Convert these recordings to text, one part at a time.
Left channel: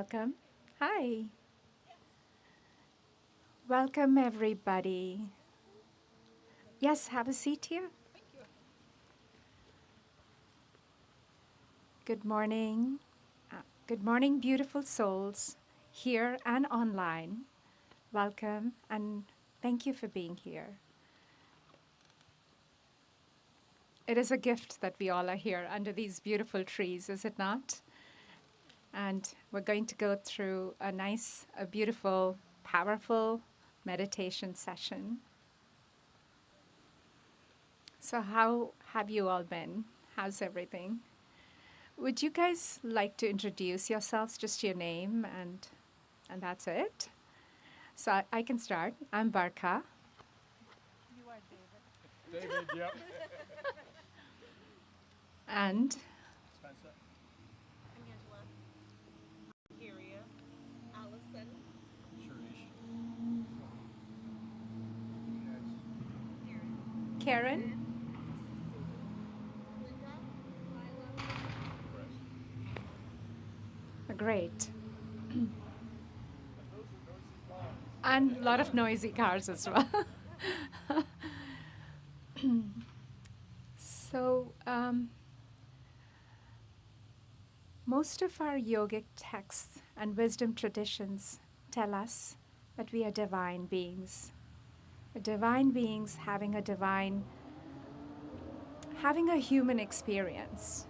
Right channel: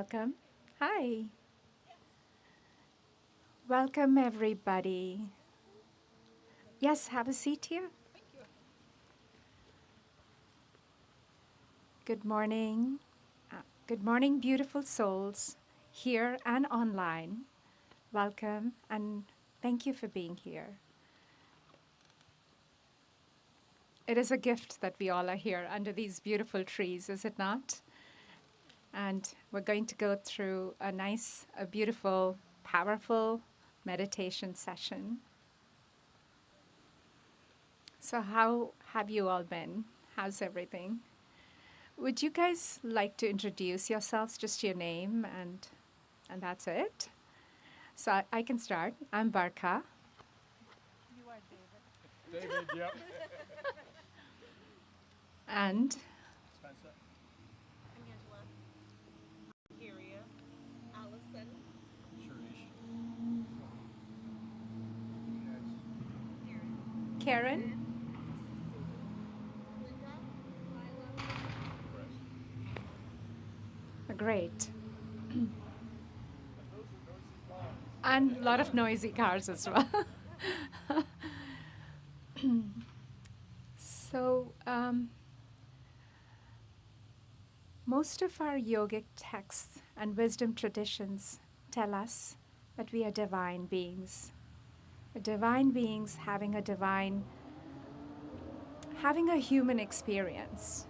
welcome. Hi. Welcome, everybody. Yes, have a seat here. Good morning. Good morning, beautiful souls, here and online. Welcome, and thank you for being here. It is a gift that we all are here under these beautiful trees, is it not? And we're going to go through a beautiful, powerful meditation session. So, how have you all been? How's everything? Would you guys like to introduce yourselves, just your name, and that's it? So I can start. I'm Barkha. David, yep. And Spencer. Angela, Kyria, Allison, Sharish. Karen. Linda, Lila. Great. And a lot of noisy cars as well. So, most of our yogic texts and wisdom traditions tell us that we are divine beings. Divine beings having a human experience.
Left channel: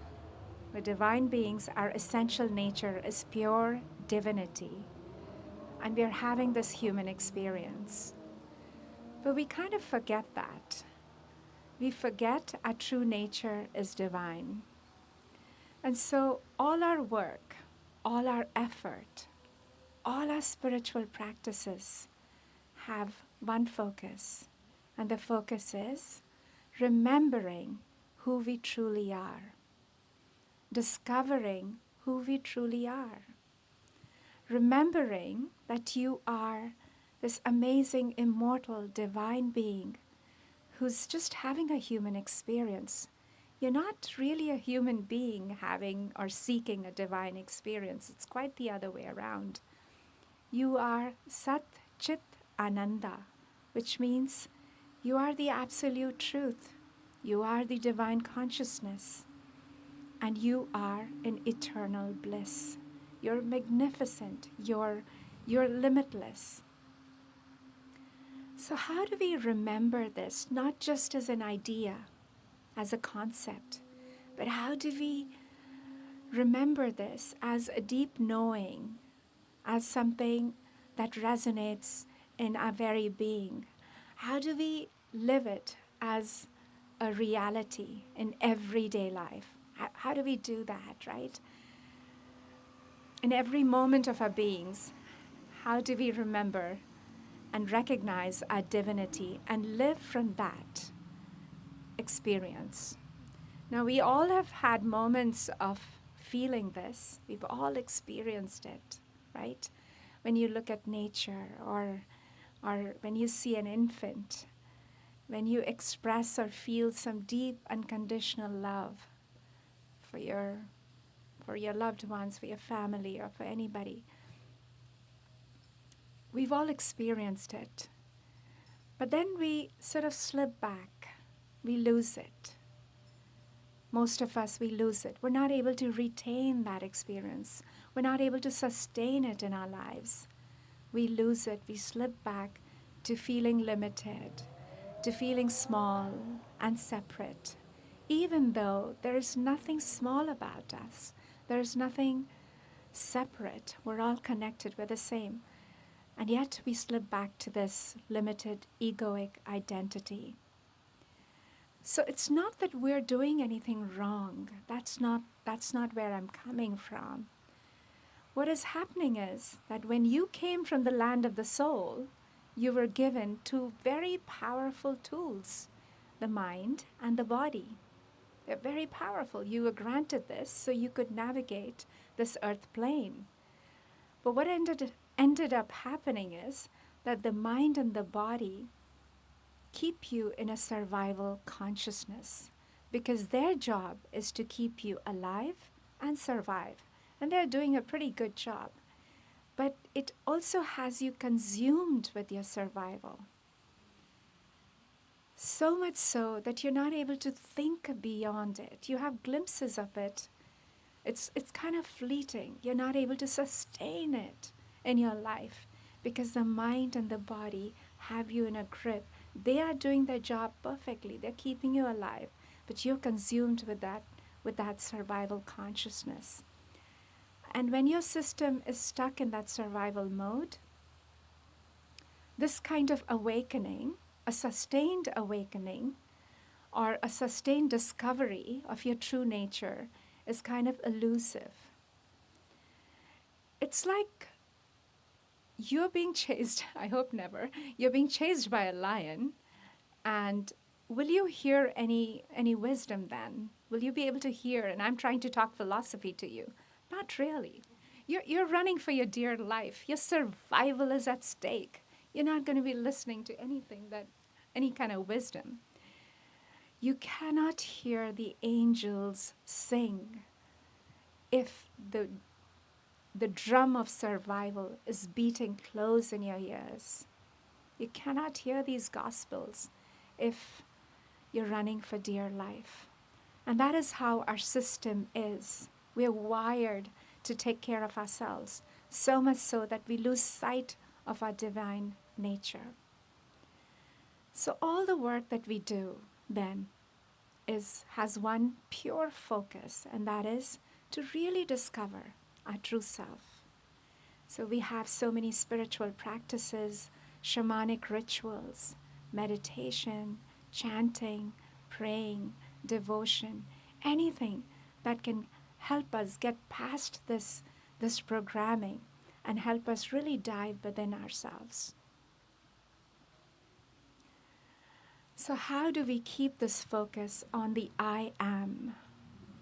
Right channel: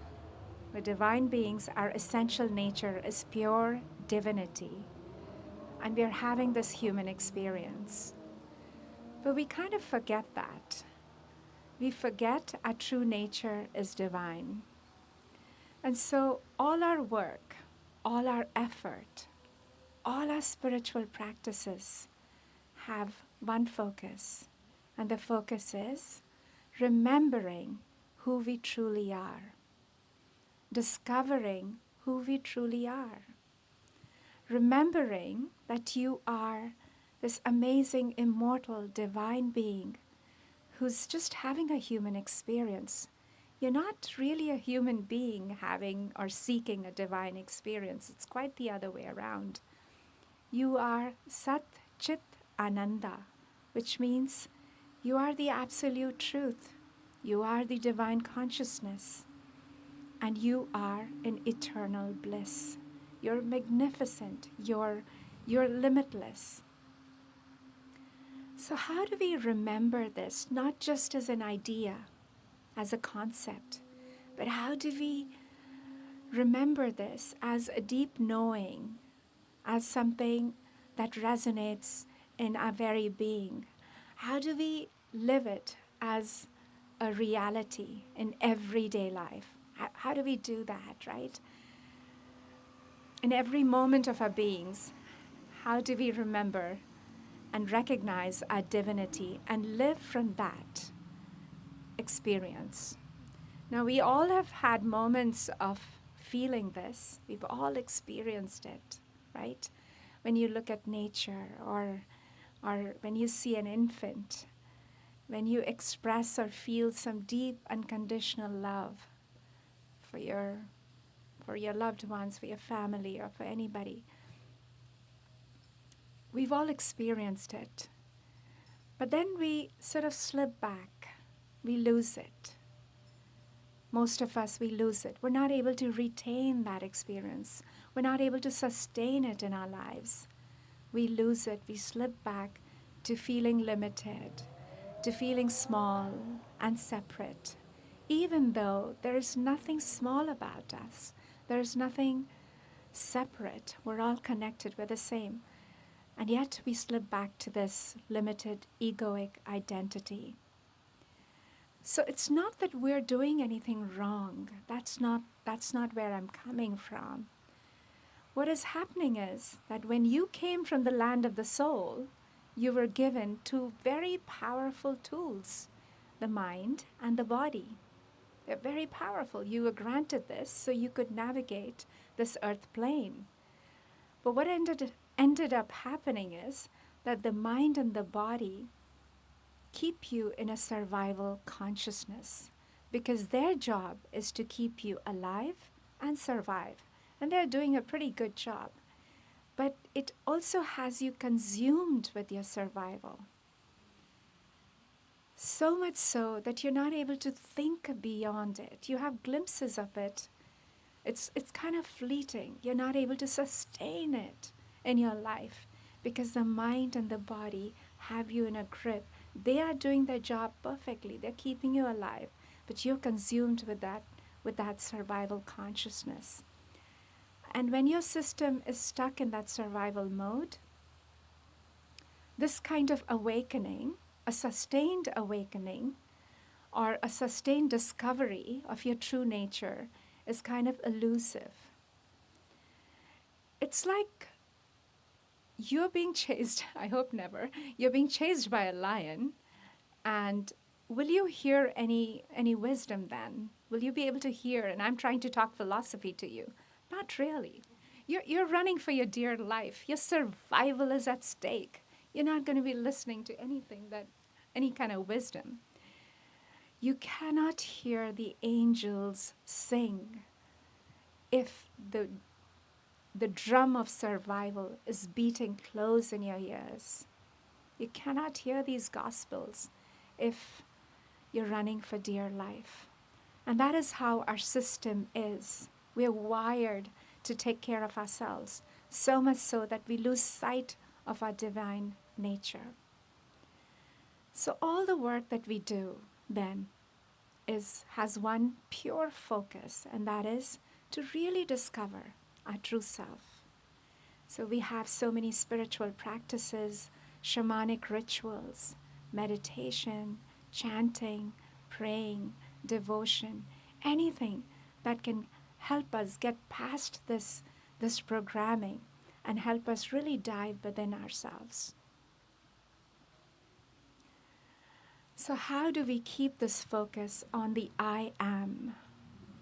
The divine beings, our essential nature is pure divinity, and we are having this human experience. But we kind of forget that. We forget our true nature is divine. And so all our work, all our effort, all our spiritual practices have one focus, and the focus is remembering who we truly are, discovering who we truly are, remembering that you are this amazing, immortal, divine being who's just having a human experience. You're not really a human being having or seeking a divine experience. It's quite the other way around. You are Sat Chit Ananda, which means you are the absolute truth. You are the divine consciousness. And you are in eternal bliss. You're magnificent. You're limitless. So how do we remember this, not just as an idea, as a concept, but how do we remember this as a deep knowing, as something that resonates in our very being? How do we live it as a reality in everyday life? How do we do that, right? In every moment of our beings, how do we remember and recognize our divinity and live from that experience? Now, we all have had moments of feeling this. We've all experienced it, right? When you look at nature or when you see an infant, when you express or feel some deep unconditional love for your loved ones, for your family, or for anybody. We've all experienced it. But then we sort of slip back. We lose it. Most of us, we lose it. We're not able to retain that experience. We're not able to sustain it in our lives. We lose it. We slip back to feeling limited, to feeling small and separate, even though there is nothing small about us. There is nothing separate. We're all connected. We're the same. And yet we slip back to this limited egoic identity. So it's not that we're doing anything wrong. That's not where I'm coming from. What is happening is that when you came from the land of the soul, you were given two very powerful tools, the mind and the body. They're very powerful. You were granted this so you could navigate this earth plane. But what ended up happening is that the mind and the body keep you in a survival consciousness because their job is to keep you alive and survive. And they're doing a pretty good job. but it also has you consumed with your survival. So much so that you're not able to think beyond it. You have glimpses of it. It's kind of fleeting. You're not able to sustain it in your life because the mind and the body have you in a grip. They are doing their job perfectly. They're keeping you alive, but you're consumed with that survival consciousness. And when your system is stuck in that survival mode, this kind of awakening, a sustained awakening, or a sustained discovery of your true nature is kind of elusive. It's like you're being chased, I hope never, you're being chased by a lion, and will you hear any wisdom then? Will you be able to hear? And I'm trying to talk philosophy to you. Not really. You're running for your dear life. Your survival is at stake. You're not going to be listening to any kind of wisdom. You cannot hear the angels sing if the drum of survival is beating close in your ears. You cannot hear these gospels if you're running for dear life. And that is how our system is. We're wired to take care of ourselves, so much so that we lose sight of our divine nature. So all the work that we do then has one pure focus, and that is to really discover our true self. So we have so many spiritual practices, shamanic rituals, meditation, chanting, praying, devotion, anything that can help us get past this programming and help us really dive within ourselves. So how do we keep this focus on the I am?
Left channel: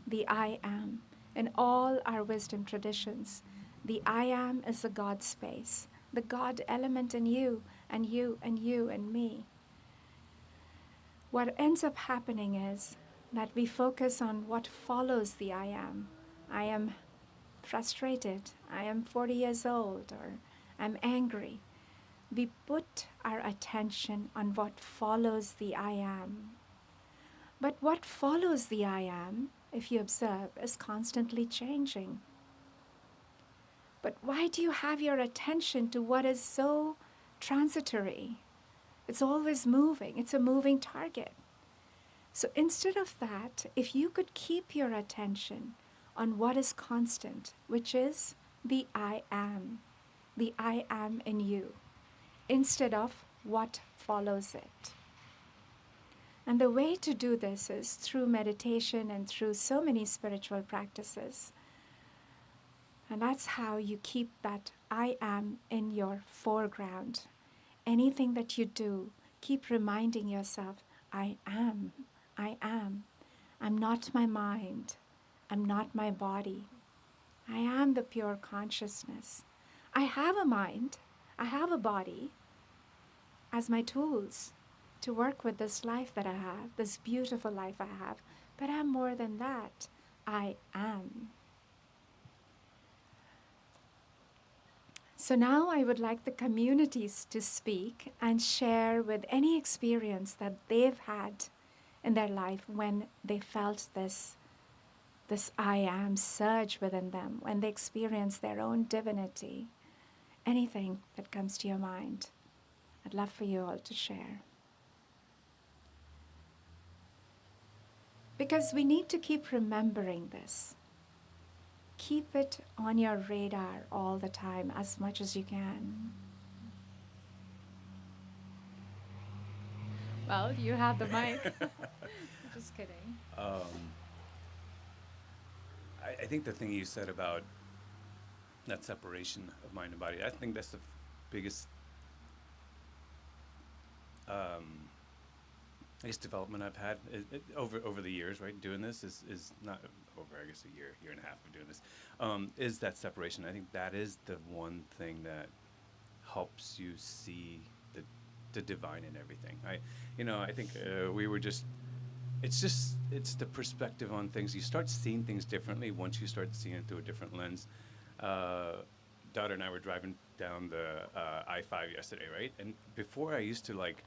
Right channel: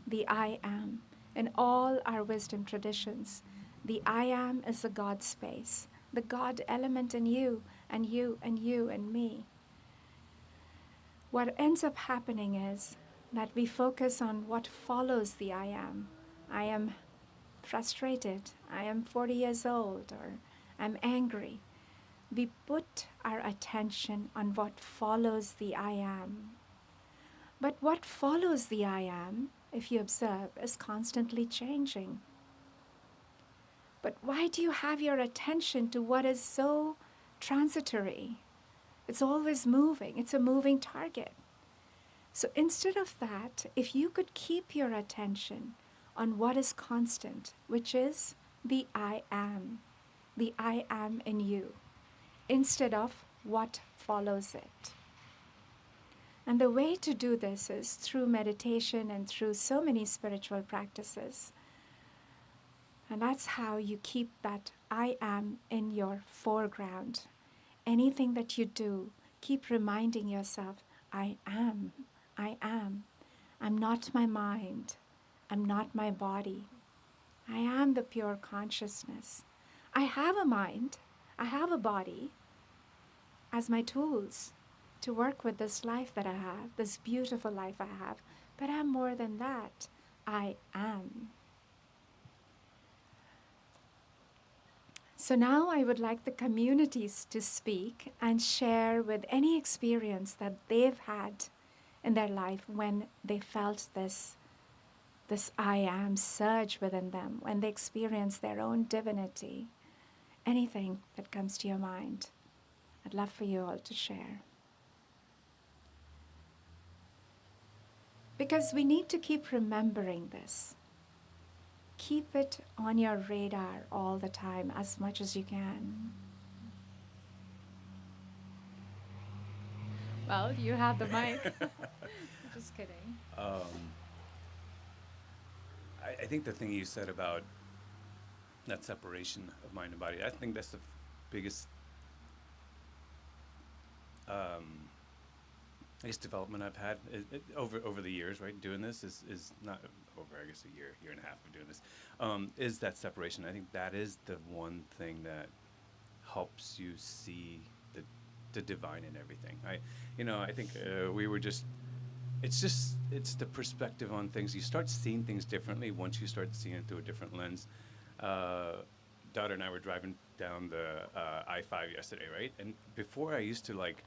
The I am. In all our wisdom traditions, the I am is the God space, the God element in you and you and you and me. What ends up happening is that we focus on what follows the I am. I am frustrated, I am 40 years old, or I'm angry. We put our attention on what follows the I am. But what follows the I am, if you observe, is constantly changing. But why do you have your attention to what is so transitory? It's always moving. It's a moving target. So instead of that, if you could keep your attention on what is constant, which is the I am in you, instead of what follows it. And the way to do this is through meditation and through so many spiritual practices. And that's how you keep that I am in your foreground. Anything that you do, keep reminding yourself, I am. I'm not my mind. I'm not my body. I am the pure consciousness. I have a mind. I have a body as my tools to work with this life that I have, this beautiful life I have. But I'm more than that. I am. So now I would like the communities to speak and share with any experience that they've had in their life when they felt this I am surge within them, when they experience their own divinity. Anything that comes to your mind. I'd love for you all to share. Because we need to keep remembering this. Keep it on your radar all the time, as much as you can. Well, you have the mic. Just kidding. I think the thing you said about that separation of mind and body, I think that's the biggest, I guess, development I've had over the years, right? Doing this is not over, I guess, a year and a half of doing this, is that separation. I think that is the one thing that helps you see the divine in everything. I think we were just, it's the perspective on things. You start seeing things differently once you start seeing it through a different lens. daughter and I were driving down the I-5 yesterday, right? And before I used to like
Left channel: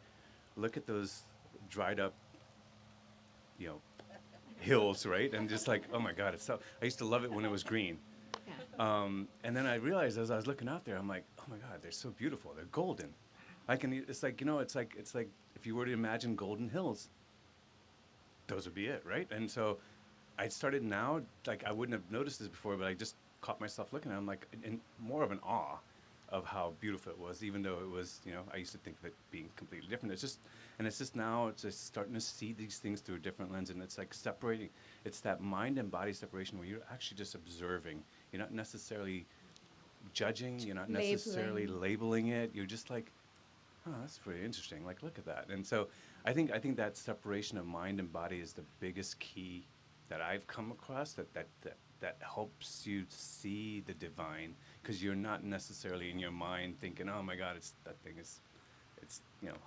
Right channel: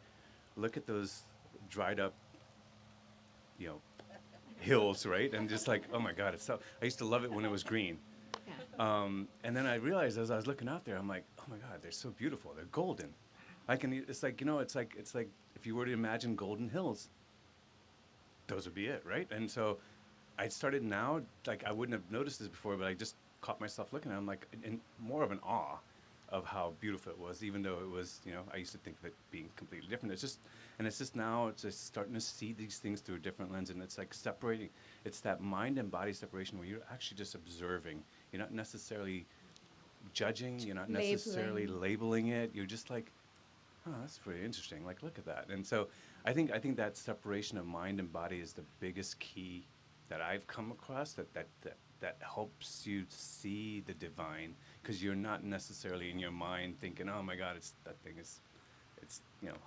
look at those dried up, you know, hills, right? And just like, oh my God, it's so. I used to love it when it was green. And then I realized as I was looking out there, I'm like, oh my God, they're so beautiful. They're golden. I can. It's like it's like if you were to imagine golden hills, those would be it, right? And so I started now, like I wouldn't have noticed this before, but I just caught myself looking at it. I'm like in more of an awe of how beautiful it was, even though it was, I used to think of it being completely different. It's just now, it's just starting to see these things through a different lens, and it's like separating. It's that mind and body separation where you're actually just observing. You're not necessarily judging. You're not necessarily labeling it. You're just like, oh, that's pretty interesting. Like, look at that. And so I think that separation of mind and body is the biggest key that I've come across that helps you see the divine, because you're not necessarily in your mind thinking, oh my God, it's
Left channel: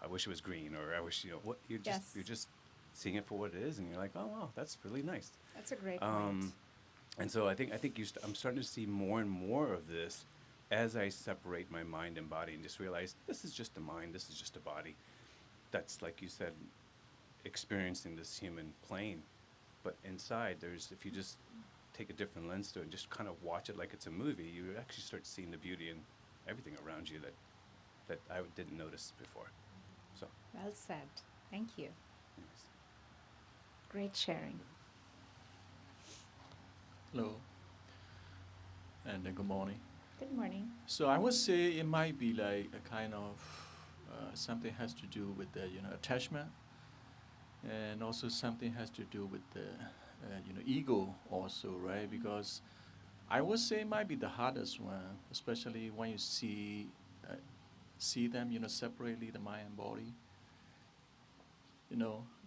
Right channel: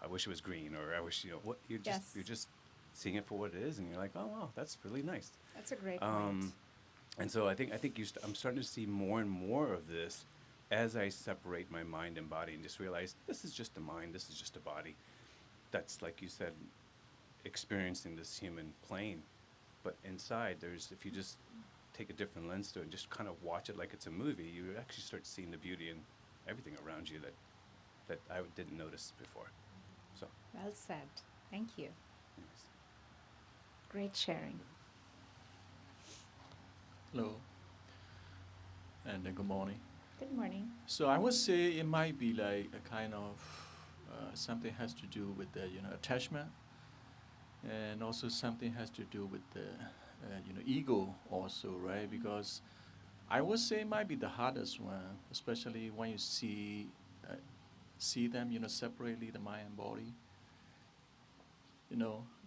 I wish it was green, or I wish, what you're just seeing it for what it is, and you're like, oh wow, that's really nice. That's a great point. And so I think I'm starting to see more and more of this as I separate my mind and body and just realize this is just a mind, this is just a body. That's, like you said, experiencing this human plane. But inside, if you just take a different lens to it and just kind of watch it like it's a movie, you actually start seeing the beauty in everything around you that I didn't notice before. So. Well said. Thank you. Yes. Great sharing. Hello, and good morning. Good morning. So I would say it might be like a kind of something has to do with the attachment, and also something has to do with the ego also, right? Because I would say it might be the hardest one, especially when you see them separately, the mind and body.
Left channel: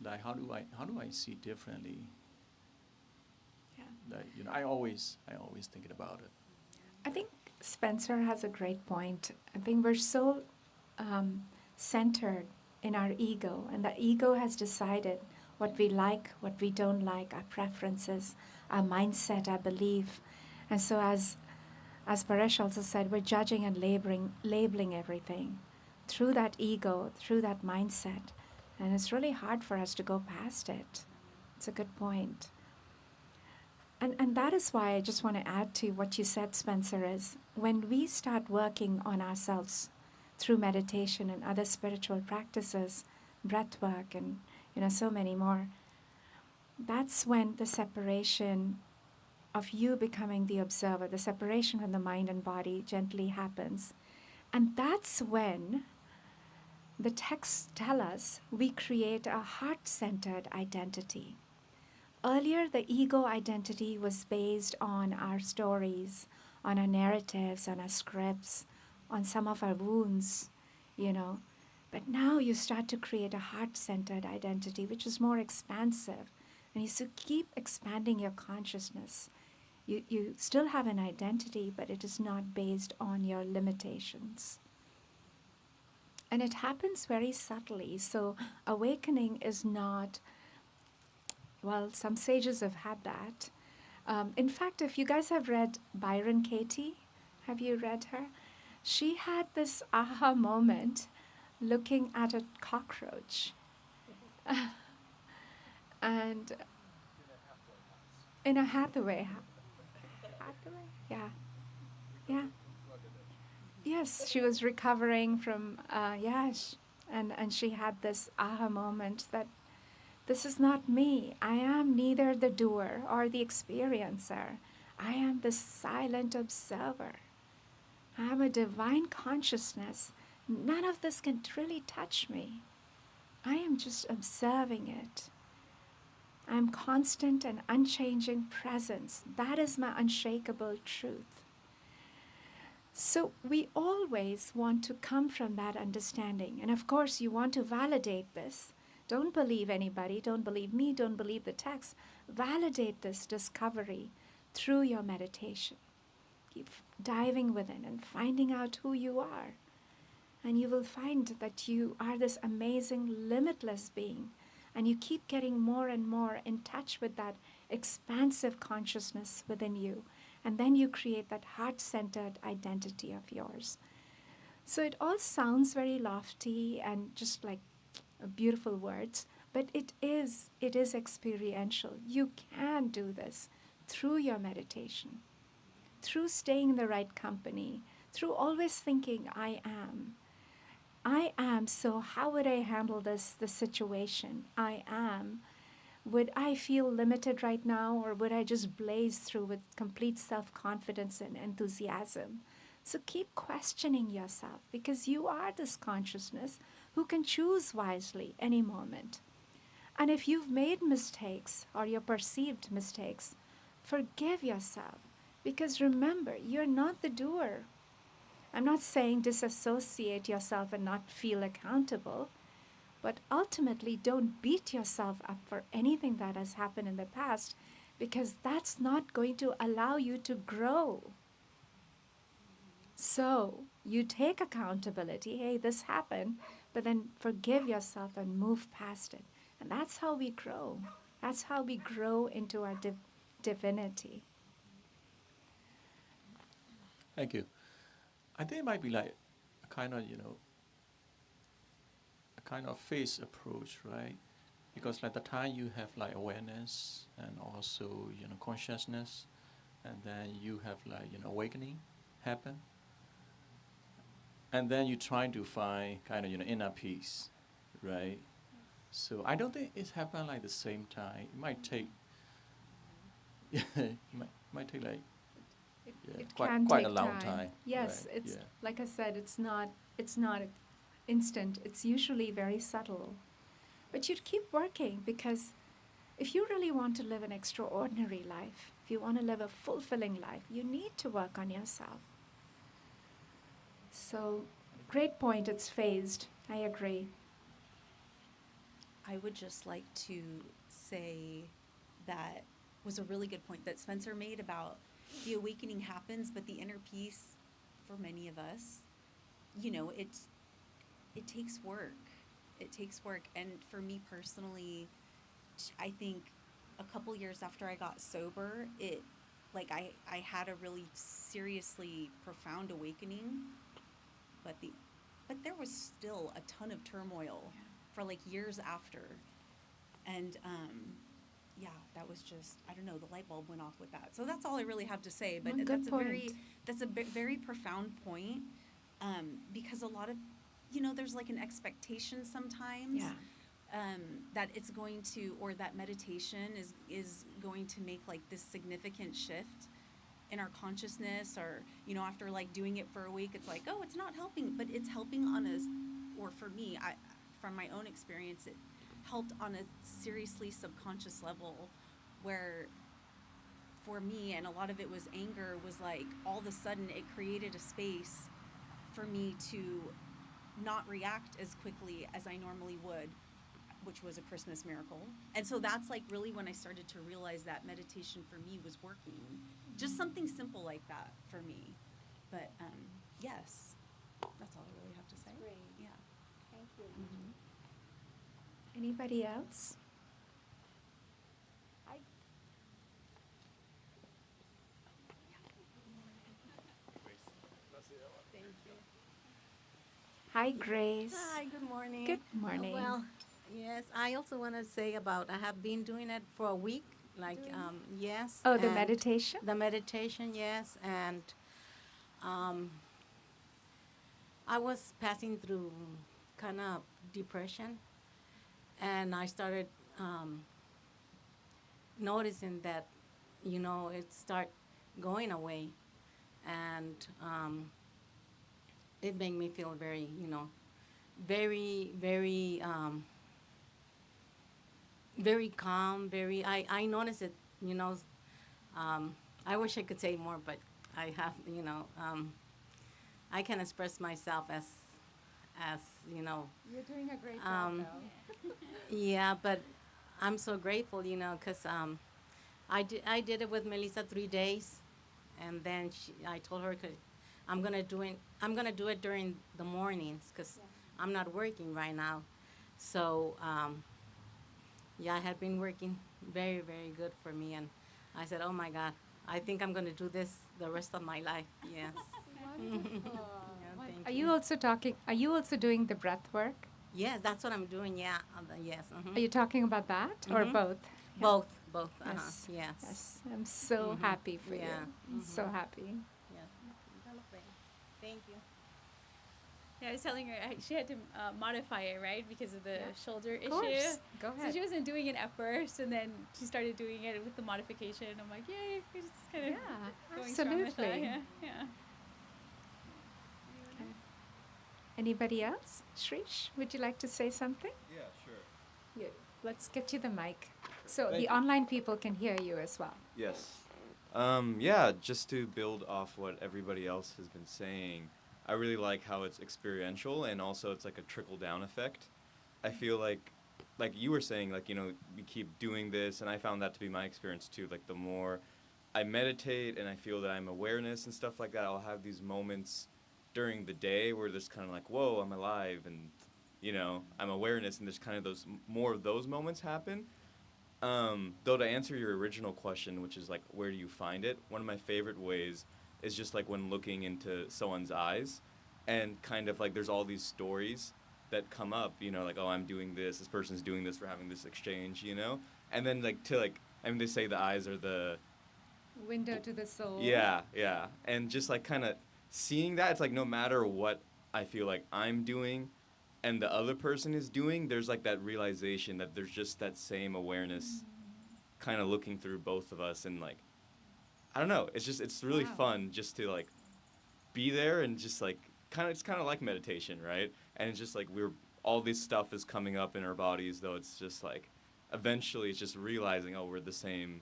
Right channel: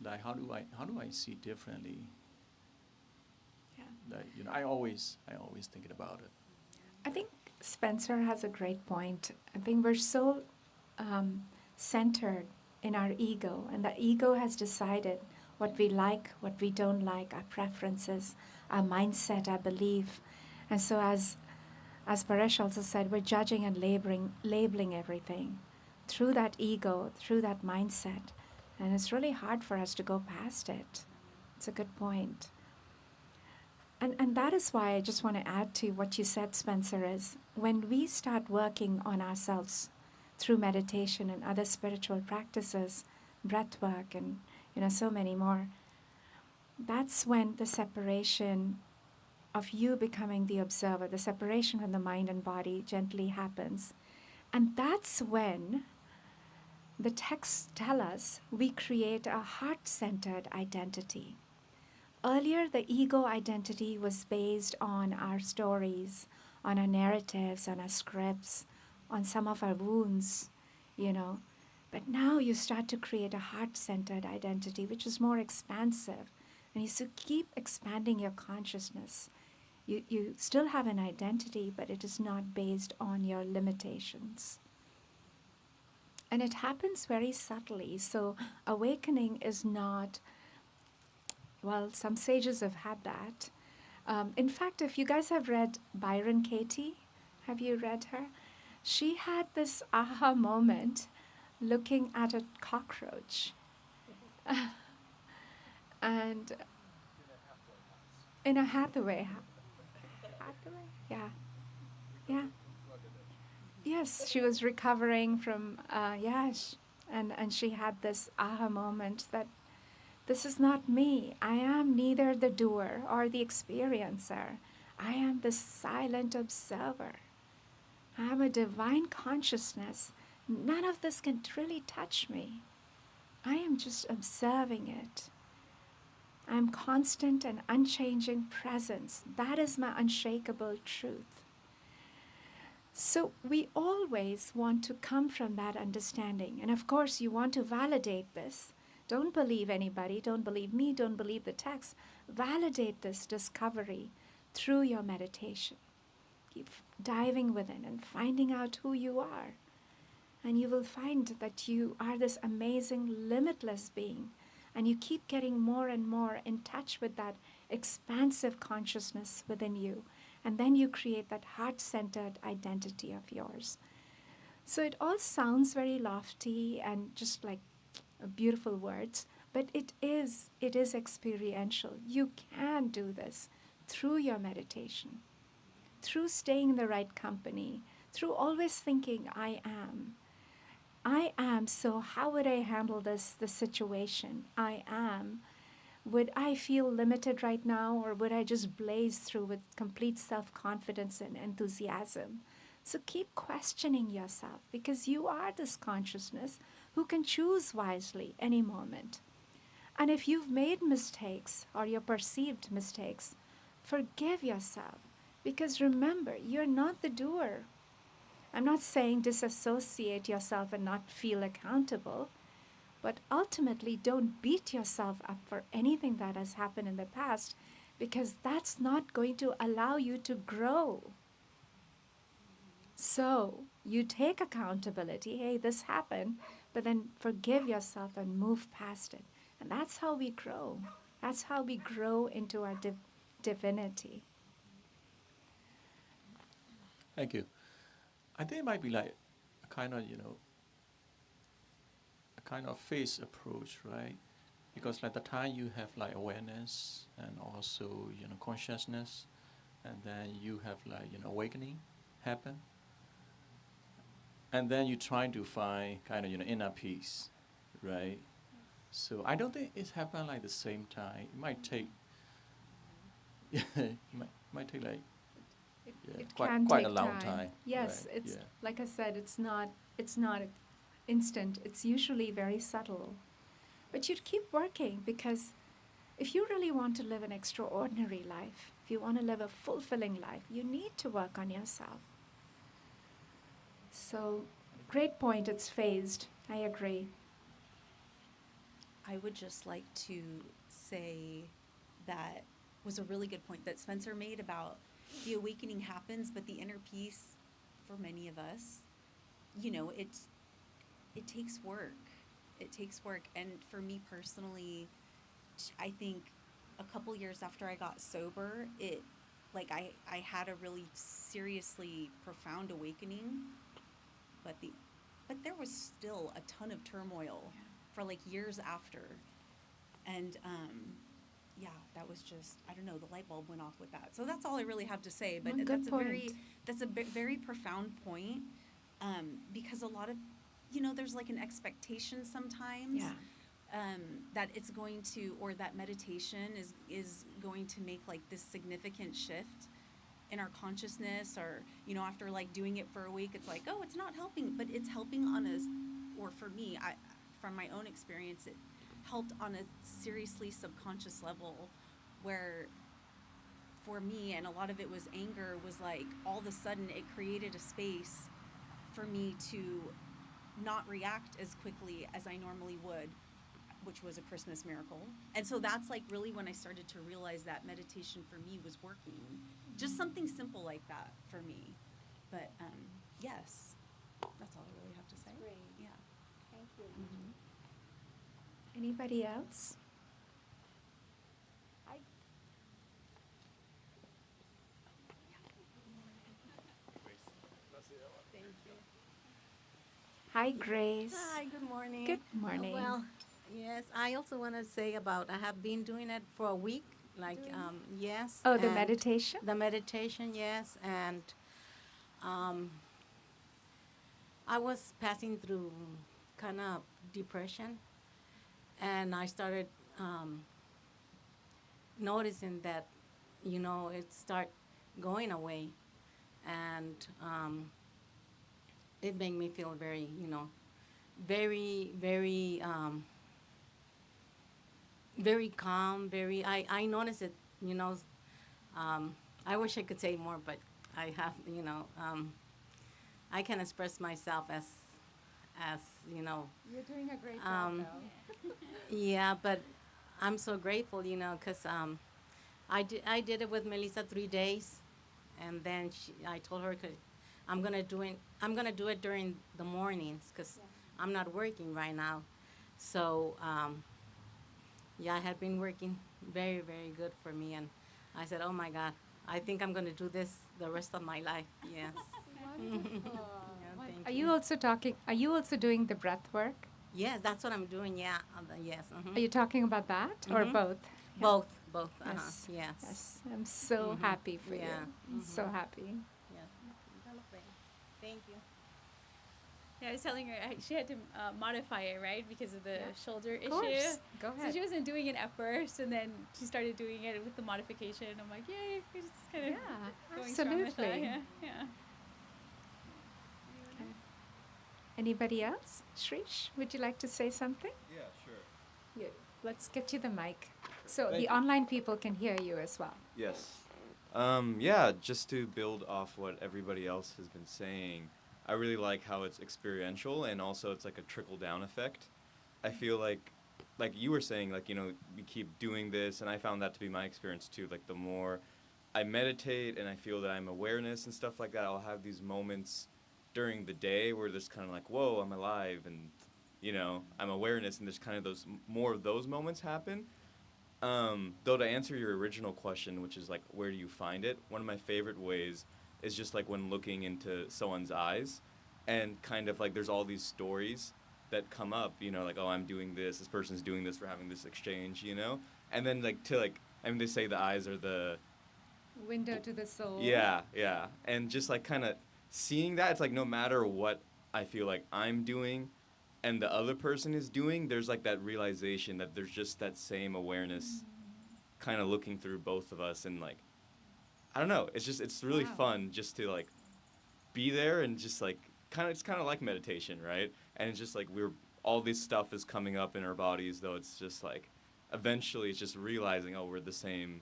Like how do I see differently? Yeah. Like I always thinking about it. I think Spencer has a great point. I think we're so centered in our ego, and the ego has decided what we like, what we don't like, our preferences, our mindset, our belief. And so as Paresh also said, we're judging and labeling everything through that ego, through that mindset. And it's really hard for us to go past it. It's a good point. And that is why I just want to add to what you said, Spencer, is when we start working on ourselves through meditation and other spiritual practices, breath work, and so many more, that's when the separation of you becoming the observer, the separation from the mind and body gently happens. And that's when the texts tell us we create a heart-centered identity. Earlier, the ego identity was based on our stories, on our narratives, on our scripts, on some of our wounds, But now you start to create a heart-centered identity, which is more expansive. And you keep expanding your consciousness. You still have an identity, but it is not based on your limitations. And it happens very subtly. So awakening is not, well, some sages have had that. In fact, if you guys have read Byron Katie, have you read her? She had this aha moment looking at a cockroach. And in a Hathaway. Hathaway? Yeah. Yeah. Yes, she was recovering from, and she had this aha moment that this is not me. I am neither the doer or the experiencer. I am the silent observer. I am a divine consciousness. None of this can really touch me. I am just observing it. I am constant and unchanging presence. That is my unshakable truth. So we always want to come from that understanding. And of course, you want to validate this. Don't believe anybody. Don't believe me. Don't believe the text. Validate this discovery through your meditation. Keep diving within and finding out who you are. And you will find that you are this amazing, limitless being. And you keep getting more and more in touch with that expansive consciousness within you. And then you create that heart-centered identity of yours. So it all sounds very lofty and just like beautiful words, but it is experiential. You can do this through your meditation, through staying in the right company, through always thinking, I am. I am, so how would I handle this situation? I am. Would I feel limited right now, or would I just blaze through with complete self-confidence and enthusiasm? So keep questioning yourself, because you are this consciousness who can choose wisely any moment. And if you've made mistakes or your perceived mistakes, forgive yourself, because remember, you're not the doer. I'm not saying disassociate yourself and not feel accountable, but ultimately don't beat yourself up for anything that has happened in the past, because that's not going to allow you to grow. So you take accountability. Hey, this happened, but then forgive yourself and move past it. And that's how we grow. That's how we grow into our divinity. Thank you. I think it might be like a kind of, a kind of phase approach, right? Because like the time you have like awareness and also, consciousness, and then you have like, awakening happen. And then you're trying to find kind of, inner peace, right? So I don't think it's happened like the same time. It might take, might take like It quite can quite take a long time. Yes, right? it's like I said, it's not instant. It's usually very subtle. But you'd keep working, because if you really want to live an extraordinary life, if you want to live a fulfilling life, you need to work on yourself. So, great point. It's phased. I agree. I would just like to say that was a really good point that Spencer made about the awakening happens, but the inner peace for many of us, it takes work. It takes work. And for me personally, I think a couple years after I got sober, I had a really seriously profound awakening, but there was still a ton of turmoil for like years after. And that was just, I don't know, the light bulb went off with that. So that's all I really have to say. But Good point. that's a very profound point, because a lot of, there's like an expectation sometimes that it's going to, or that meditation is going to make like this significant shift in our consciousness, or, after like doing it for a week, it's like, oh, it's not helping, but it's helping on or for me, from my own experience, it helped on a seriously subconscious level, where for me, and a lot of it was anger, was like all of a sudden it created a space for me to not react as quickly as I normally would, which was a Christmas miracle. And so that's like really when I started to realize that meditation for me was working. Just something simple like that for me. But yes, that's all I really have to say. Great. Yeah. Thank you. Mm-hmm. Anybody else? Thank you. Hi, Grace. Hi, good morning. Good morning. Well, yes, I also want to say about I have been doing it for a week. Like, yes. Oh, the and meditation? The meditation, yes. And I was passing through kind of depression. And I started noticing that, it start going away. And it made me feel very, very, very, very calm, I noticed it, I wish I could say more, but I have, I can express myself as, You're doing a great job, yeah, but I'm so grateful, because I did it with Melissa 3 days, and then I told her I'm gonna do it during the mornings, because I'm not working right now. So it had been working very, very good for me, and I said, oh my God, I think I'm going to do this the rest of my life. Yes. Yeah, thank Are you also doing the breath work? Yes, that's what I'm doing. Yeah. Yes. Are you talking about that or Mhm. both? Yeah. Both. Both. Yes. Yes. Yes. I'm so happy for you. Yeah. I'm so happy. Yes. Thank you. Yeah, I was telling her she had to modify it, right, because of the shoulder Of issue. course. Go So ahead. she wasn't doing it at first, and then she started doing it with the modification. I'm like, yay, we're just kind of Yeah, going strong with that. absolutely. Yeah, yeah. Okay. Anybody else? Shrish, would you like to say something? Yeah, sure. Yeah. Let's get you the mic so Thank the you. online people can hear you as well. Yes. Yeah, just to build off what everybody else has been saying, I really like how it's experiential and also it's like a trickle down effect. I feel like you were saying, like, we keep doing this, and I found that to be my experience too. Like, the more I meditate and I feel that I'm awareness and stuff like that, I'll have these moments during the day where there's kind of like, whoa, I'm alive, and, I'm awareness, and there's kind of more of those moments happen. Though, to answer your original question, which is like, where do you find it? One of my favorite ways is just like when looking into someone's eyes, and kind of like there's all these stories that come up, like, oh, I'm doing this person's doing this, we're having this exchange, and then they say the eyes are the Window to the soul. yeah, and just like kind of seeing that, it's like no matter what I feel like I'm doing and the other person is doing, there's like that realization that there's just that same awareness kind of looking through both of us, and like, I don't know, it's really Wow. fun just to like be there, and just like it's kind of like meditation, right? And it's just like all this stuff is coming up in our bodies, though it's just like eventually it's just realizing, oh, we're the same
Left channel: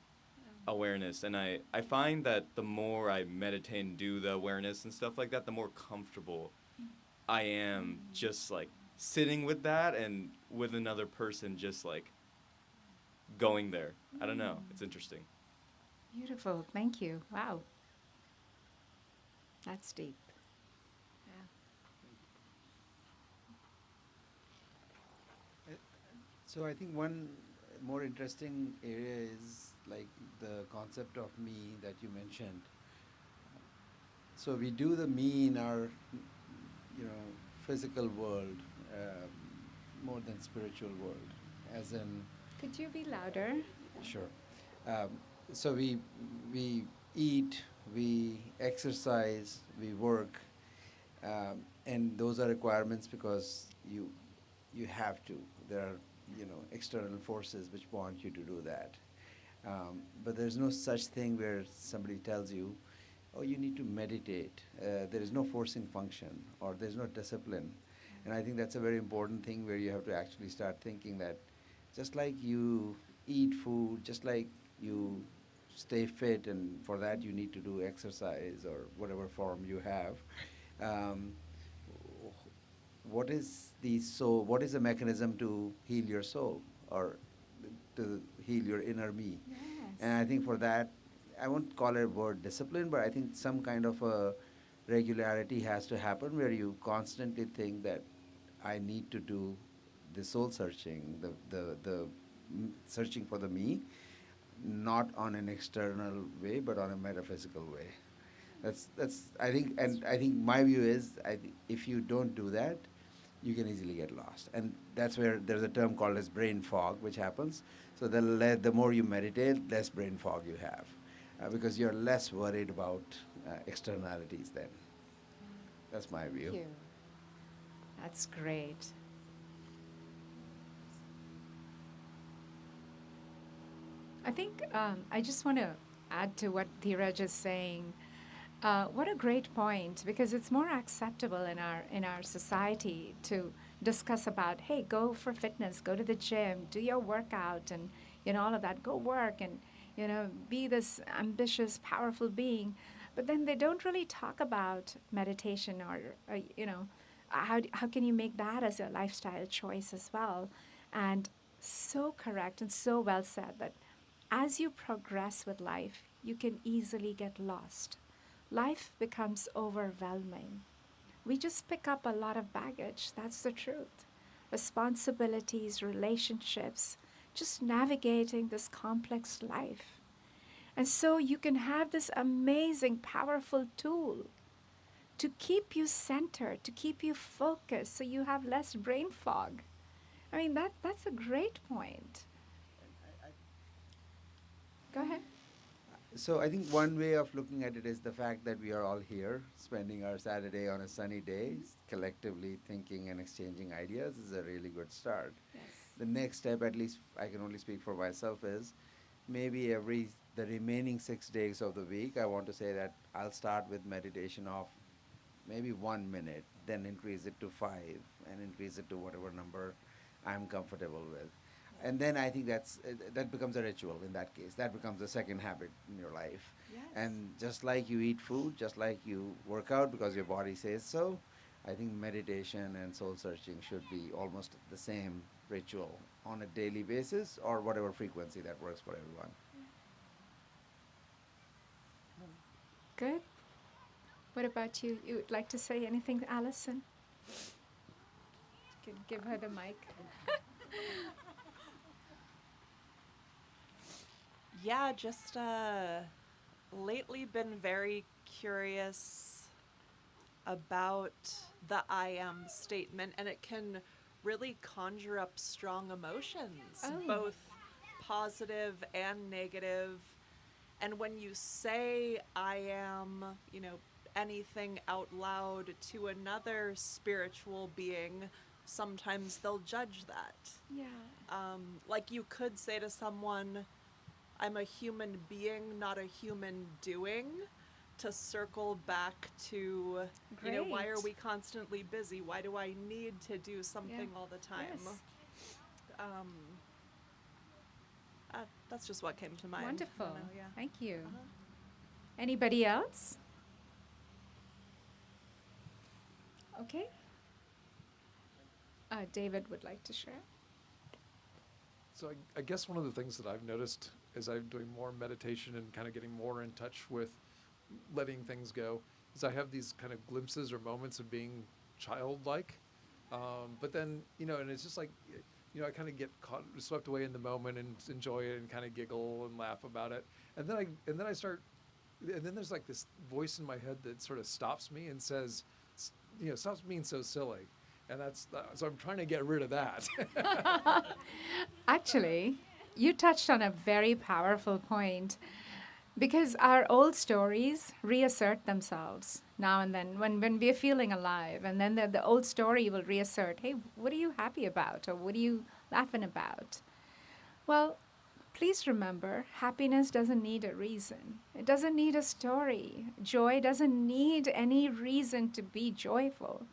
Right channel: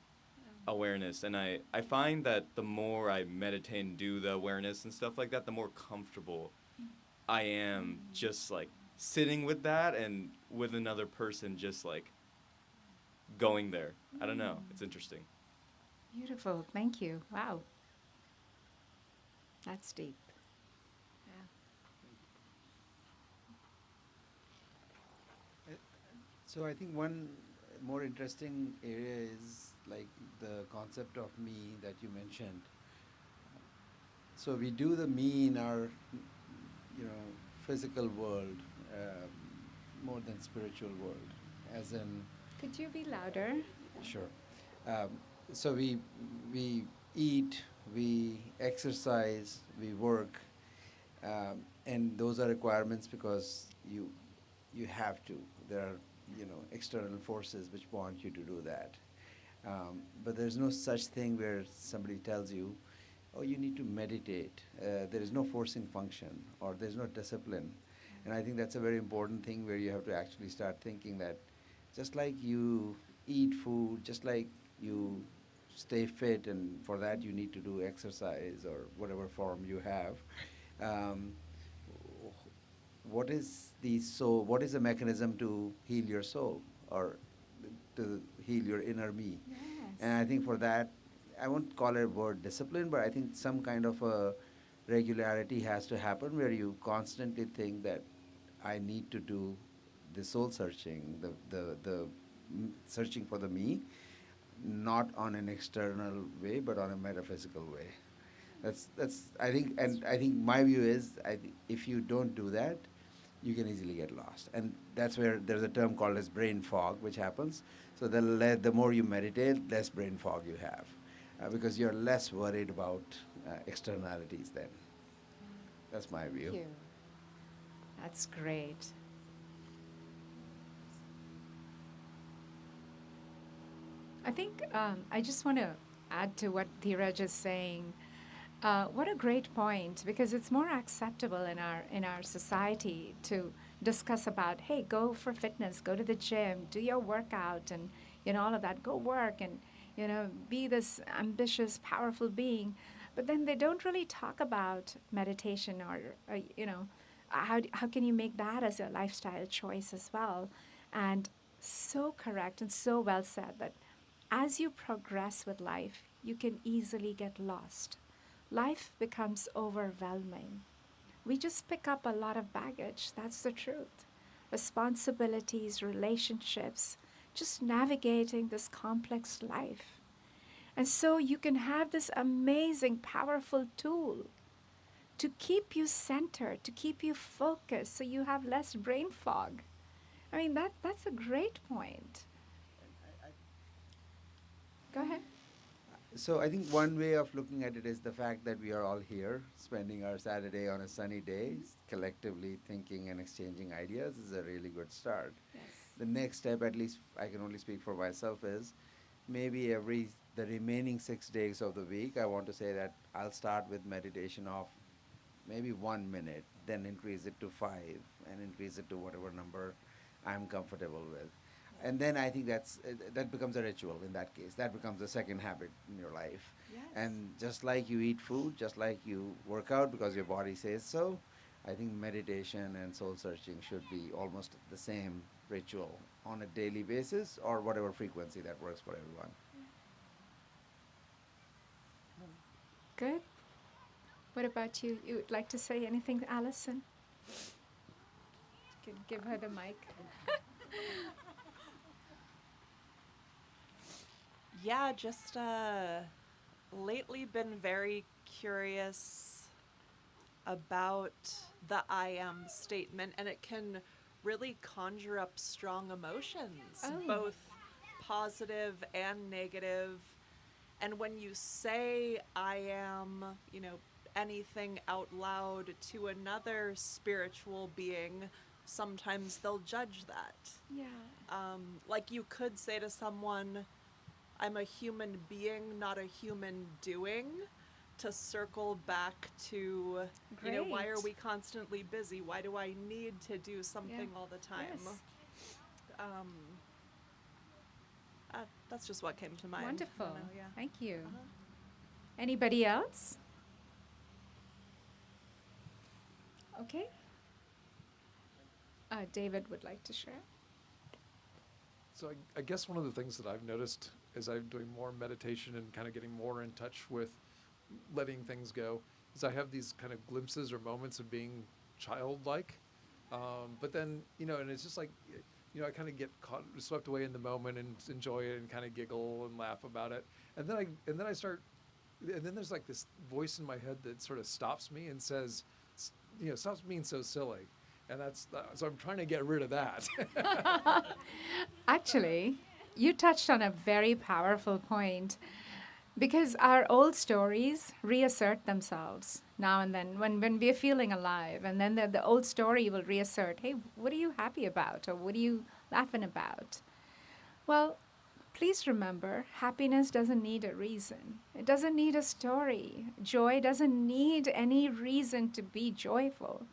awareness. And I find that the more I meditate and do the awareness and stuff like that, the more comfortable I am just like sitting with that and with another person, just like going there. I don't know. It's interesting. Beautiful. Thank you. Wow. That's deep. So I think one more interesting area is like the concept of me that you mentioned. So we do the me in our, physical world more than spiritual world, as in. Could you be louder? Sure. So we eat, we exercise, we work, and those are requirements because you have to. There are external forces which want you to do that. But there's no such thing where somebody tells you, oh, you need to meditate. There is no forcing function, or there's no discipline. And I think that's a very important thing where you have to actually start thinking that just like you eat food, just like you stay fit, and for that you need to do exercise or whatever form you have. What is the soul? What is the mechanism to heal your soul, or to heal your inner me? Yes. And I think for that, I won't call it a word discipline, but I think some kind of a regularity has to happen where you constantly think that I need to do the soul searching, the searching for the me, not on an external way, but on a metaphysical way. That's I think my view is, if you don't do that, you can easily get lost, and that's where there's a term called as brain fog, which happens. So the more you meditate, less brain fog you have, because you're less worried about externalities then. That's my view. Thank you. That's great. I think I just want to add to what Dheeraj is saying. What a great point, because it's more acceptable in our society to discuss about, hey, go for fitness, go to the gym, do your workout, and all of that. Go work and be this ambitious, powerful being. But then they don't really talk about meditation or how can you make that as a lifestyle choice as well. And so correct and so well said that as you progress with life, you can easily get lost. Life becomes overwhelming. We just pick up a lot of baggage. That's the truth. Responsibilities, relationships, just navigating this complex life. And so you can have this amazing, powerful tool to keep you centered, to keep you focused, so you have less brain fog. I mean, that's a great point. Go ahead. So I think one way of looking at it is the fact that we are all here, spending our Saturday on a sunny day, collectively thinking and exchanging ideas is a really good start. Yes. The next step, at least I can only speak for myself, is maybe the remaining 6 days of the week, I want to say that I'll start with meditation of maybe 1 minute, then increase it to 5, and increase it to whatever number I'm comfortable with. And then I think that becomes a ritual in that case. That becomes a second habit in your life. Yes. And just like you eat food, just like you work out because your body says so, I think meditation and soul searching should be almost the same ritual on a daily basis or whatever frequency that works for everyone. Good. What about you? You would like to say anything, Allison? Give her the mic. Yeah, just lately been very curious about the I am statement, and it can really conjure up strong emotions, Oh. both positive and negative. And when you say I am, anything out loud to another spiritual being, sometimes they'll judge that. Yeah. Like you could say to someone, I'm a human being, not a human doing, to circle back to, why are Great. we constantly busy? Why do I need to do something all the time? Yes. That's just what came to mind. Wonderful. I don't know, yeah. Thank you. Uh-huh. Anybody else? Okay. David would like to share. So I guess one of the things that I've noticed as I'm doing more meditation and kind of getting more in touch with letting things go is I have these kind of glimpses or moments of being childlike. But then, and it's just like, I kind of get swept away in the moment and enjoy it and kind of giggle and laugh about it. And then then there's like this voice in my head that sort of stops me and says, stop being so silly. And so I'm trying to get rid of that. Actually, you touched on a very powerful point, because our old stories reassert themselves now and then when we're feeling alive, and then the old story will reassert, hey, what are you happy about, or what are you laughing about? Well, please remember, happiness doesn't need a reason. It doesn't need a story. Joy doesn't need any reason to be joyful.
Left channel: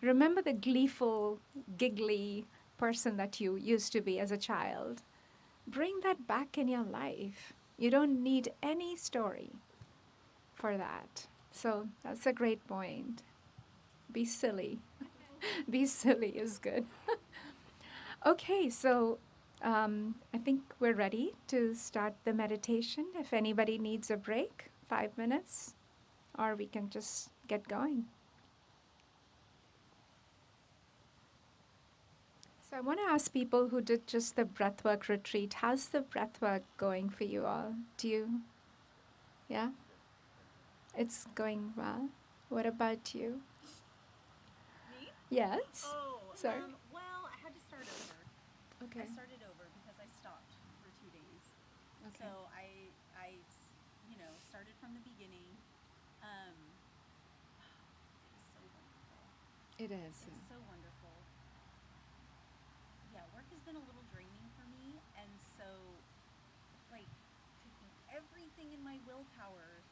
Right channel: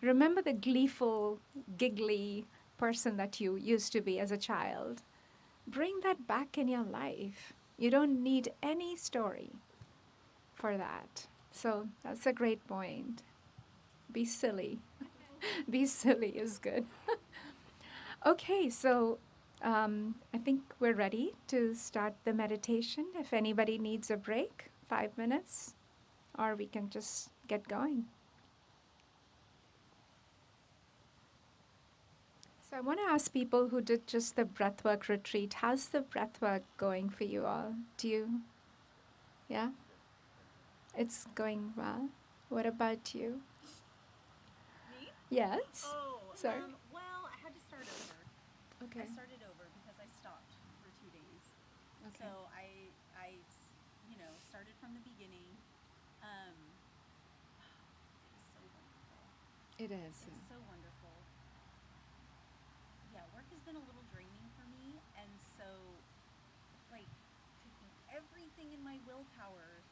Remember the gleeful, giggly person that you used to be as a child. Bring that back in your life. You don't need any story for that. So that's a great point. Be silly. Be silly is good. Okay, so I think we're ready to start the meditation. If anybody needs a break, 5 minutes, or we can just get going. So I want to ask people who did just the breathwork retreat, how's the breathwork going for you all? Yeah? It's going well. What about you? Me? Yes? Oh, Sorry. well, I had to start over. Okay. I started over because I stopped for 2 days. Okay. So I started from the beginning. It's so wonderful. It is. It's so wonderful. Yeah, work has been a little draining for me, and so it's like taking everything in my willpower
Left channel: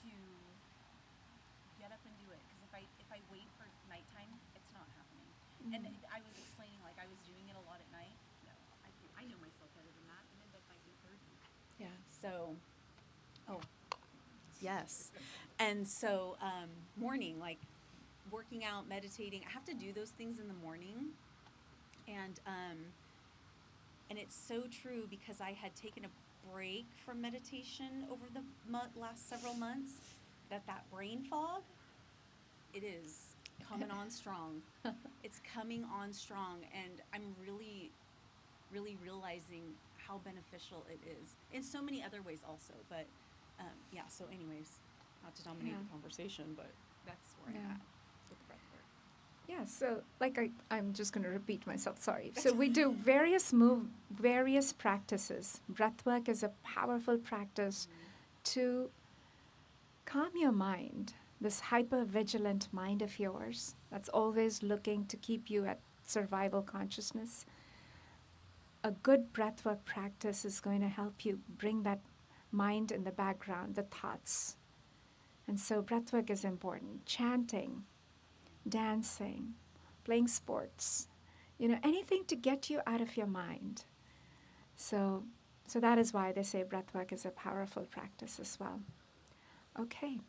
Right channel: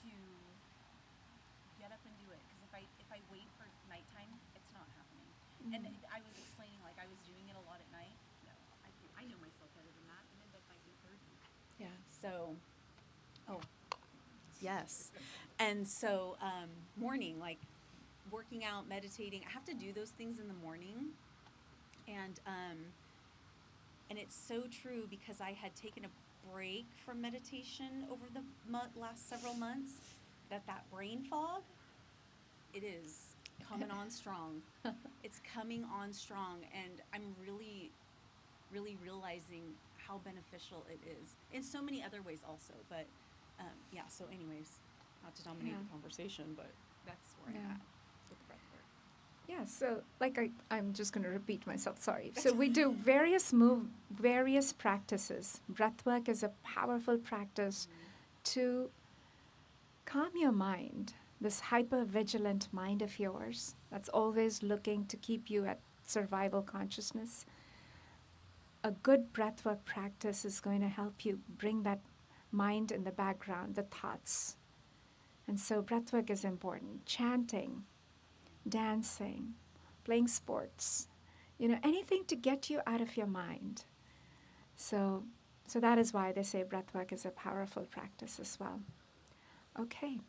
to get up and do it. Because if I wait for nighttime, it's not happening. And I was explaining, like, I was doing it a lot at night. No, I know myself better than that. I'm in bed by 8:30. Yeah. So, yes. And so, morning, like working out, meditating, I have to do those things in the morning. And it's so true, because I had taken a break from meditation over the last several months, that brain fog, it is coming on strong. It's coming on strong, and I'm really, really realizing how beneficial it is in so many other ways also. But yeah, so anyways, not to dominate Yeah. the conversation, but that's where I'm Yeah. at with the breath work. Yeah, so like I'm just going to repeat myself, sorry. So we do various practices. Breathwork is a powerful practice to calm your mind, this hyper-vigilant mind of yours that's always looking to keep you at survival consciousness. A good breathwork practice is going to help you bring that mind in the background, the thoughts. And so breathwork is important. Chanting, dancing, playing sports, anything to get you out of your mind. So that is why they say breathwork is a powerful practice as well. Okay.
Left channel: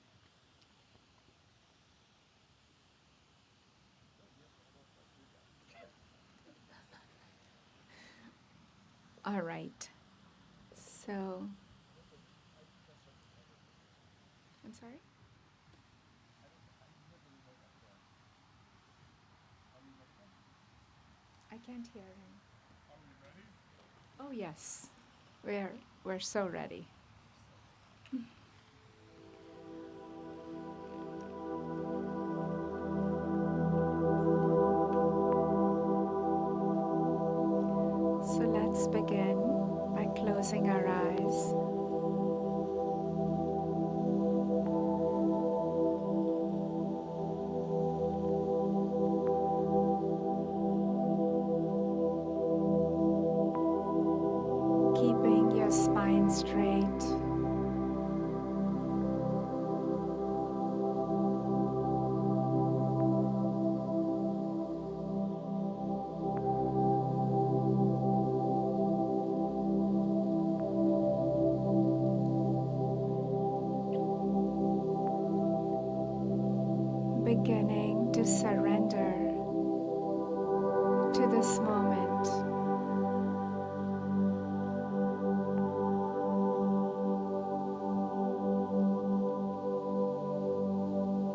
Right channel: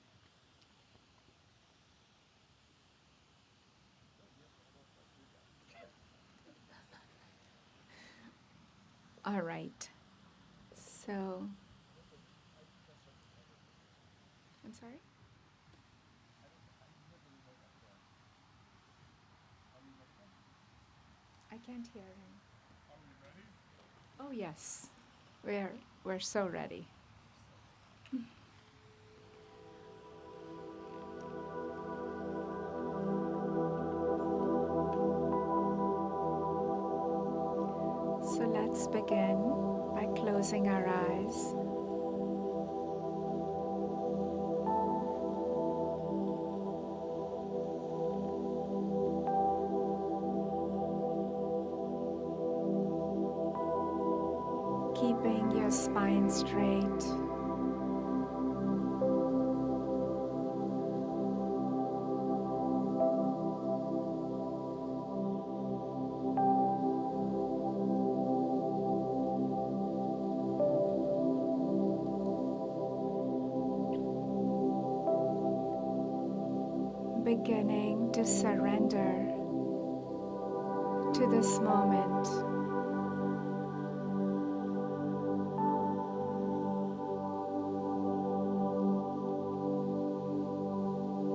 All right. So, I'm sorry? I can't hear him. Oh, yes. We're so ready. So let's begin by closing our eyes. Keeping your spine straight. Beginning to surrender to this moment.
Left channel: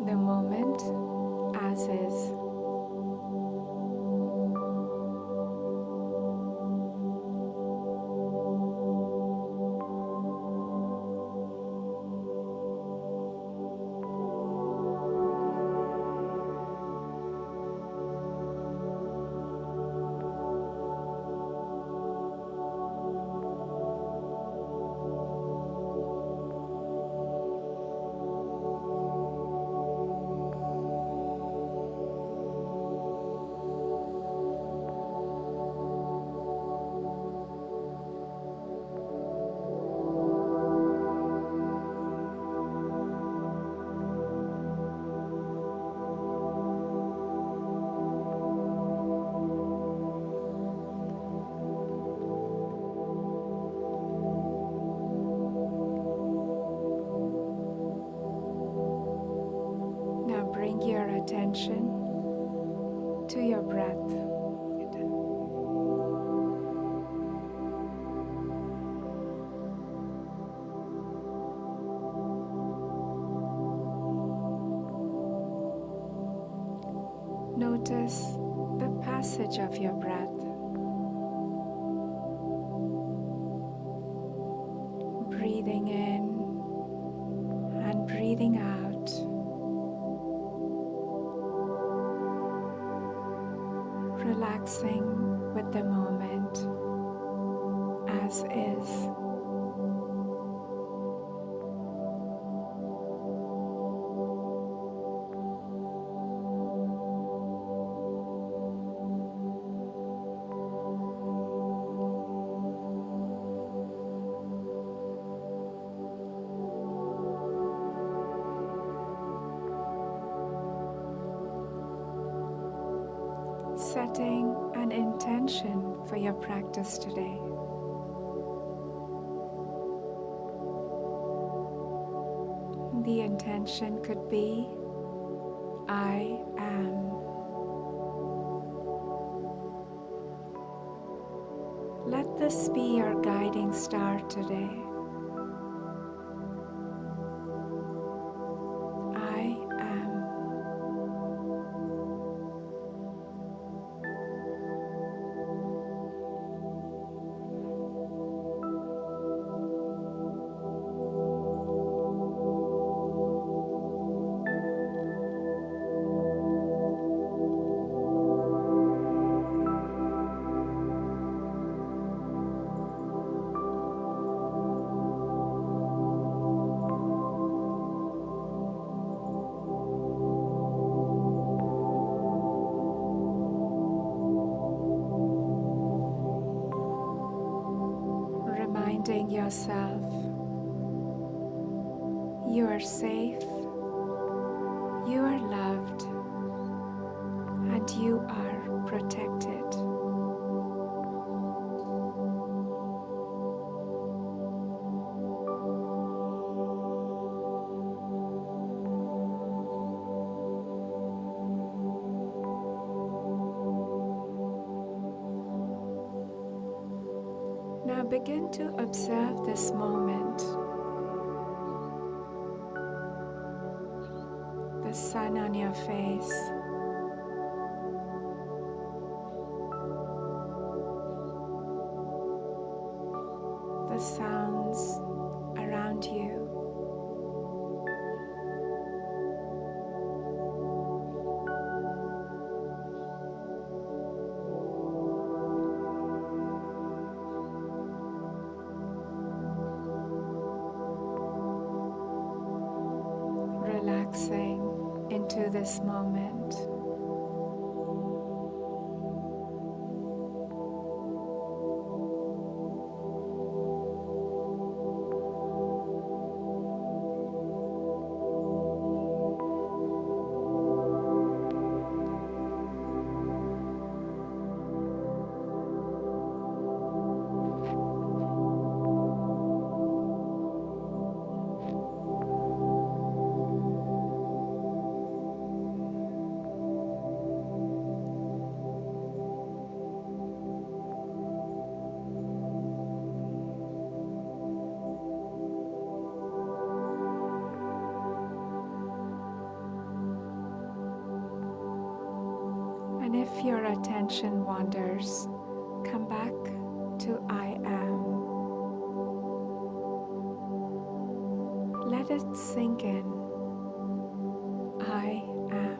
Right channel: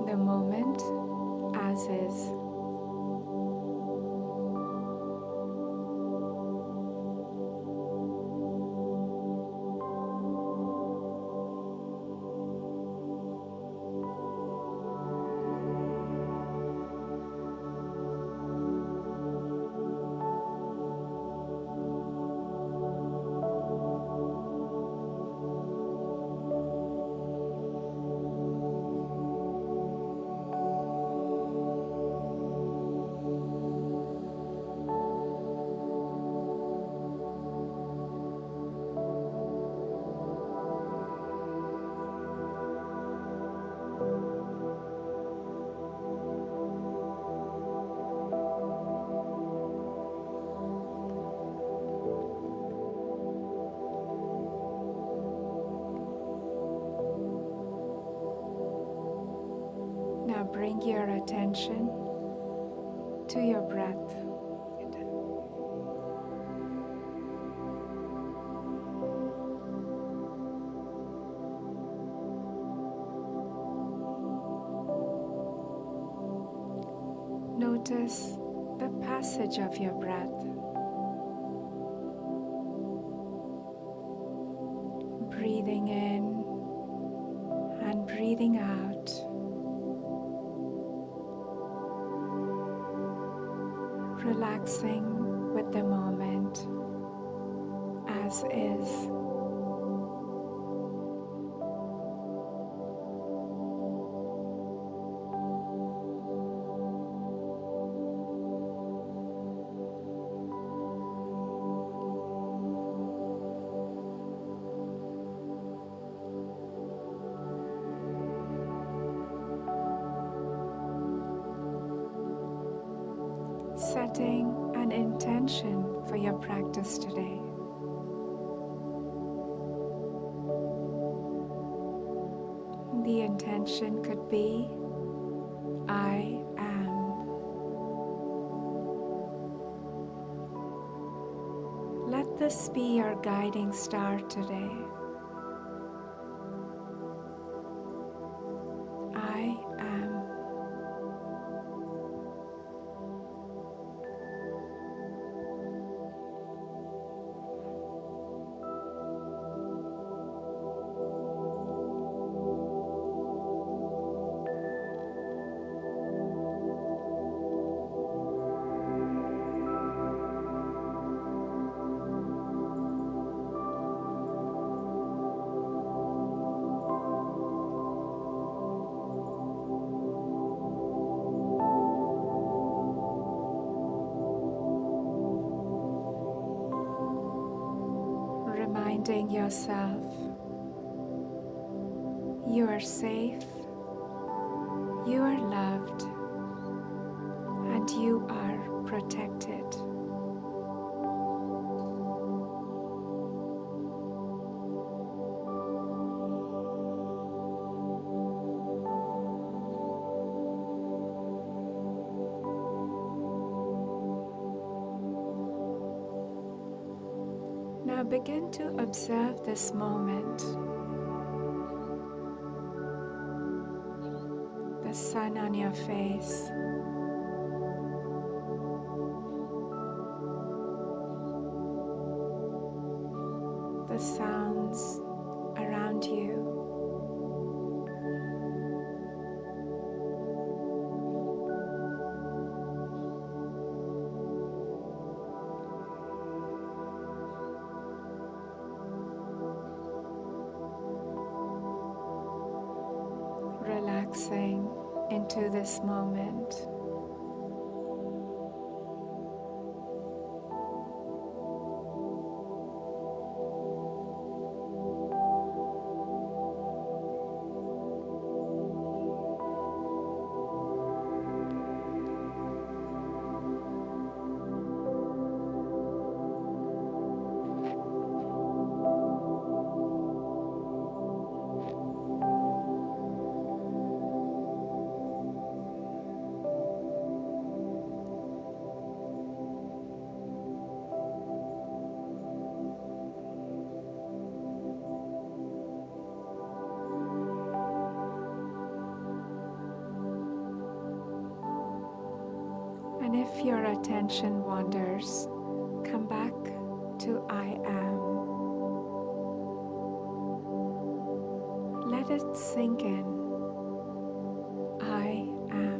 The moment as is. Now bring your attention to your breath. Notice the passage of your breath. Breathing in and breathing out. Relaxing with the moment as is. Setting an intention for your practice today. The intention could be, I am. Let this be your guiding star today. I am. reminding yourself you are safe, you are loved, and you are protected. Now begin to observe this moment. The sun on your face. The sounds around you. Relaxing into this moment. And if your attention wanders, come back to I am. Let it sink in. I am.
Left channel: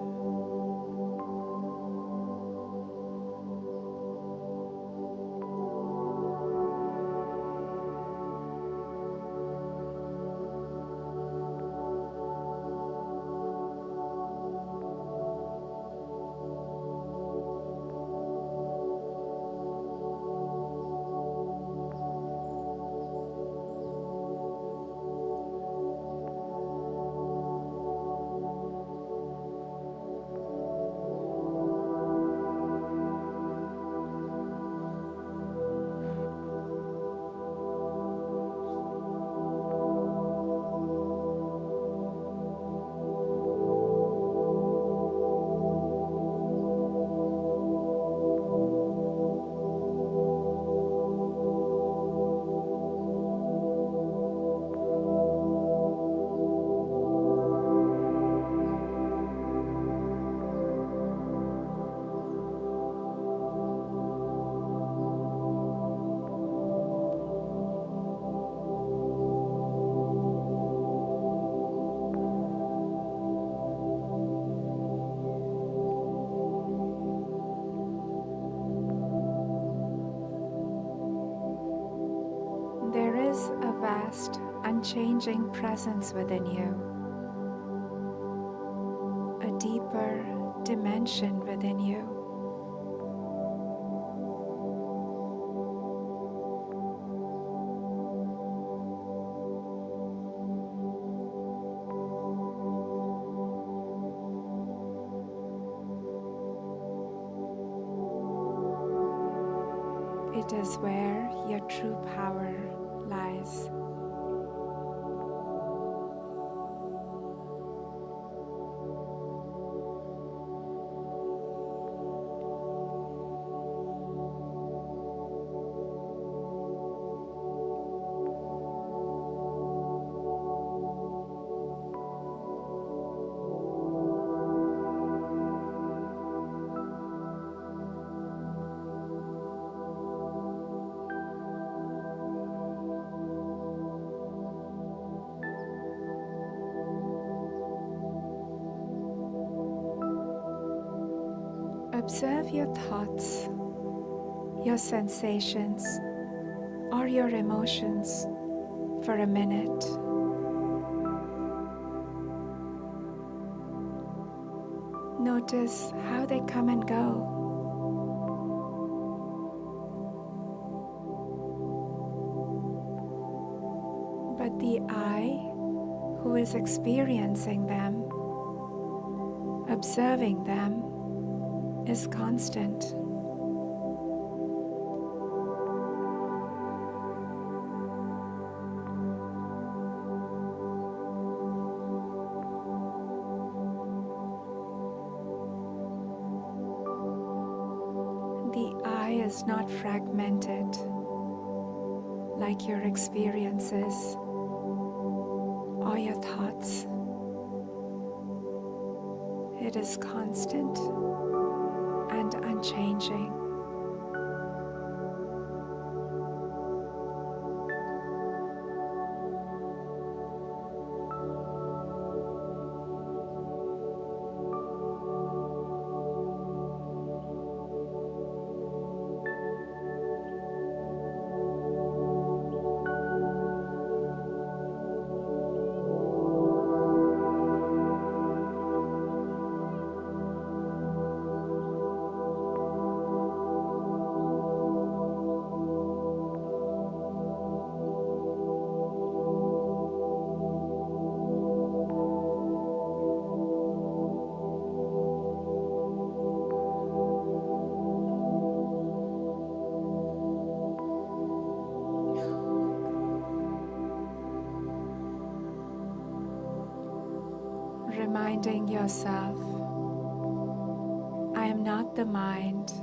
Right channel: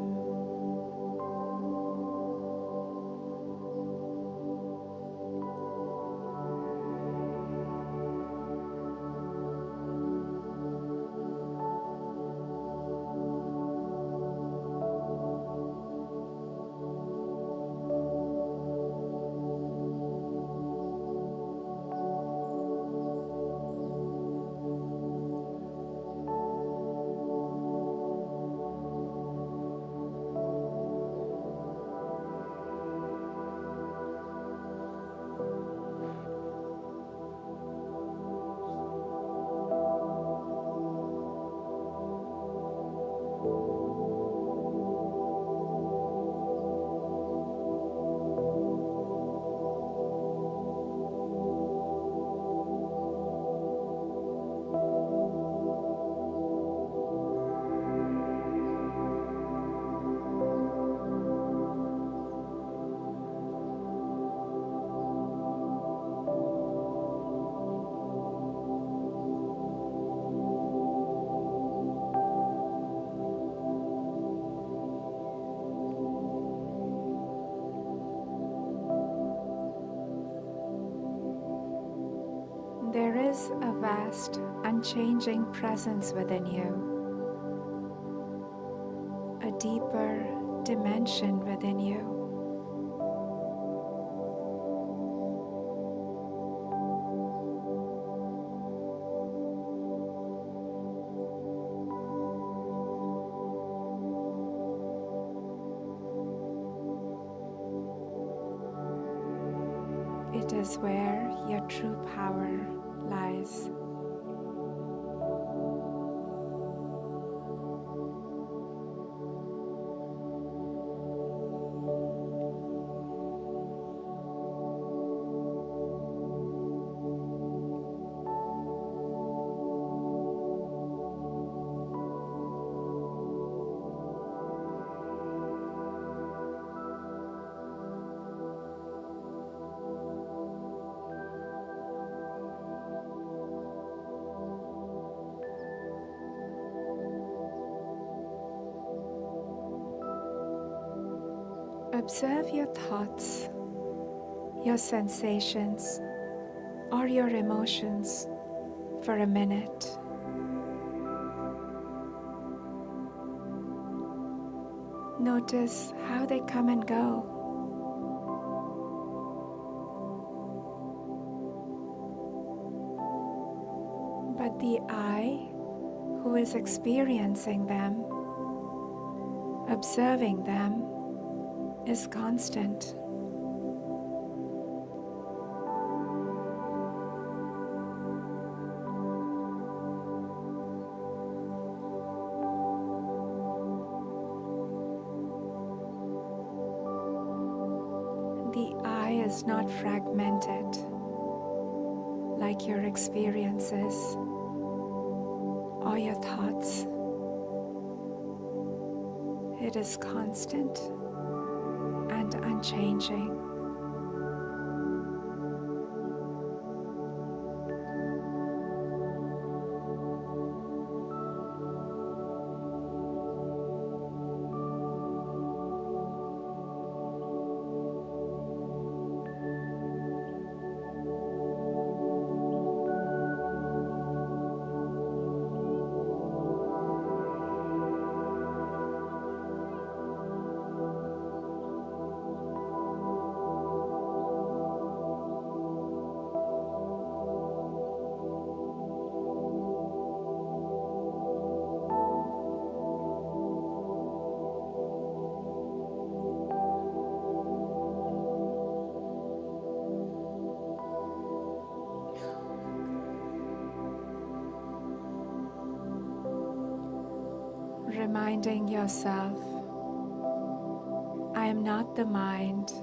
There is a vast, unchanging presence within you, a deeper dimension within you. It is where your true power lies. Observe your thoughts, your sensations, or your emotions for a minute. Notice how they come and go. but the I who is experiencing them, observing them, is constant. The I is not fragmented like your experiences or your thoughts. It is constant and unchanging. Reminding yourself, I am not the mind,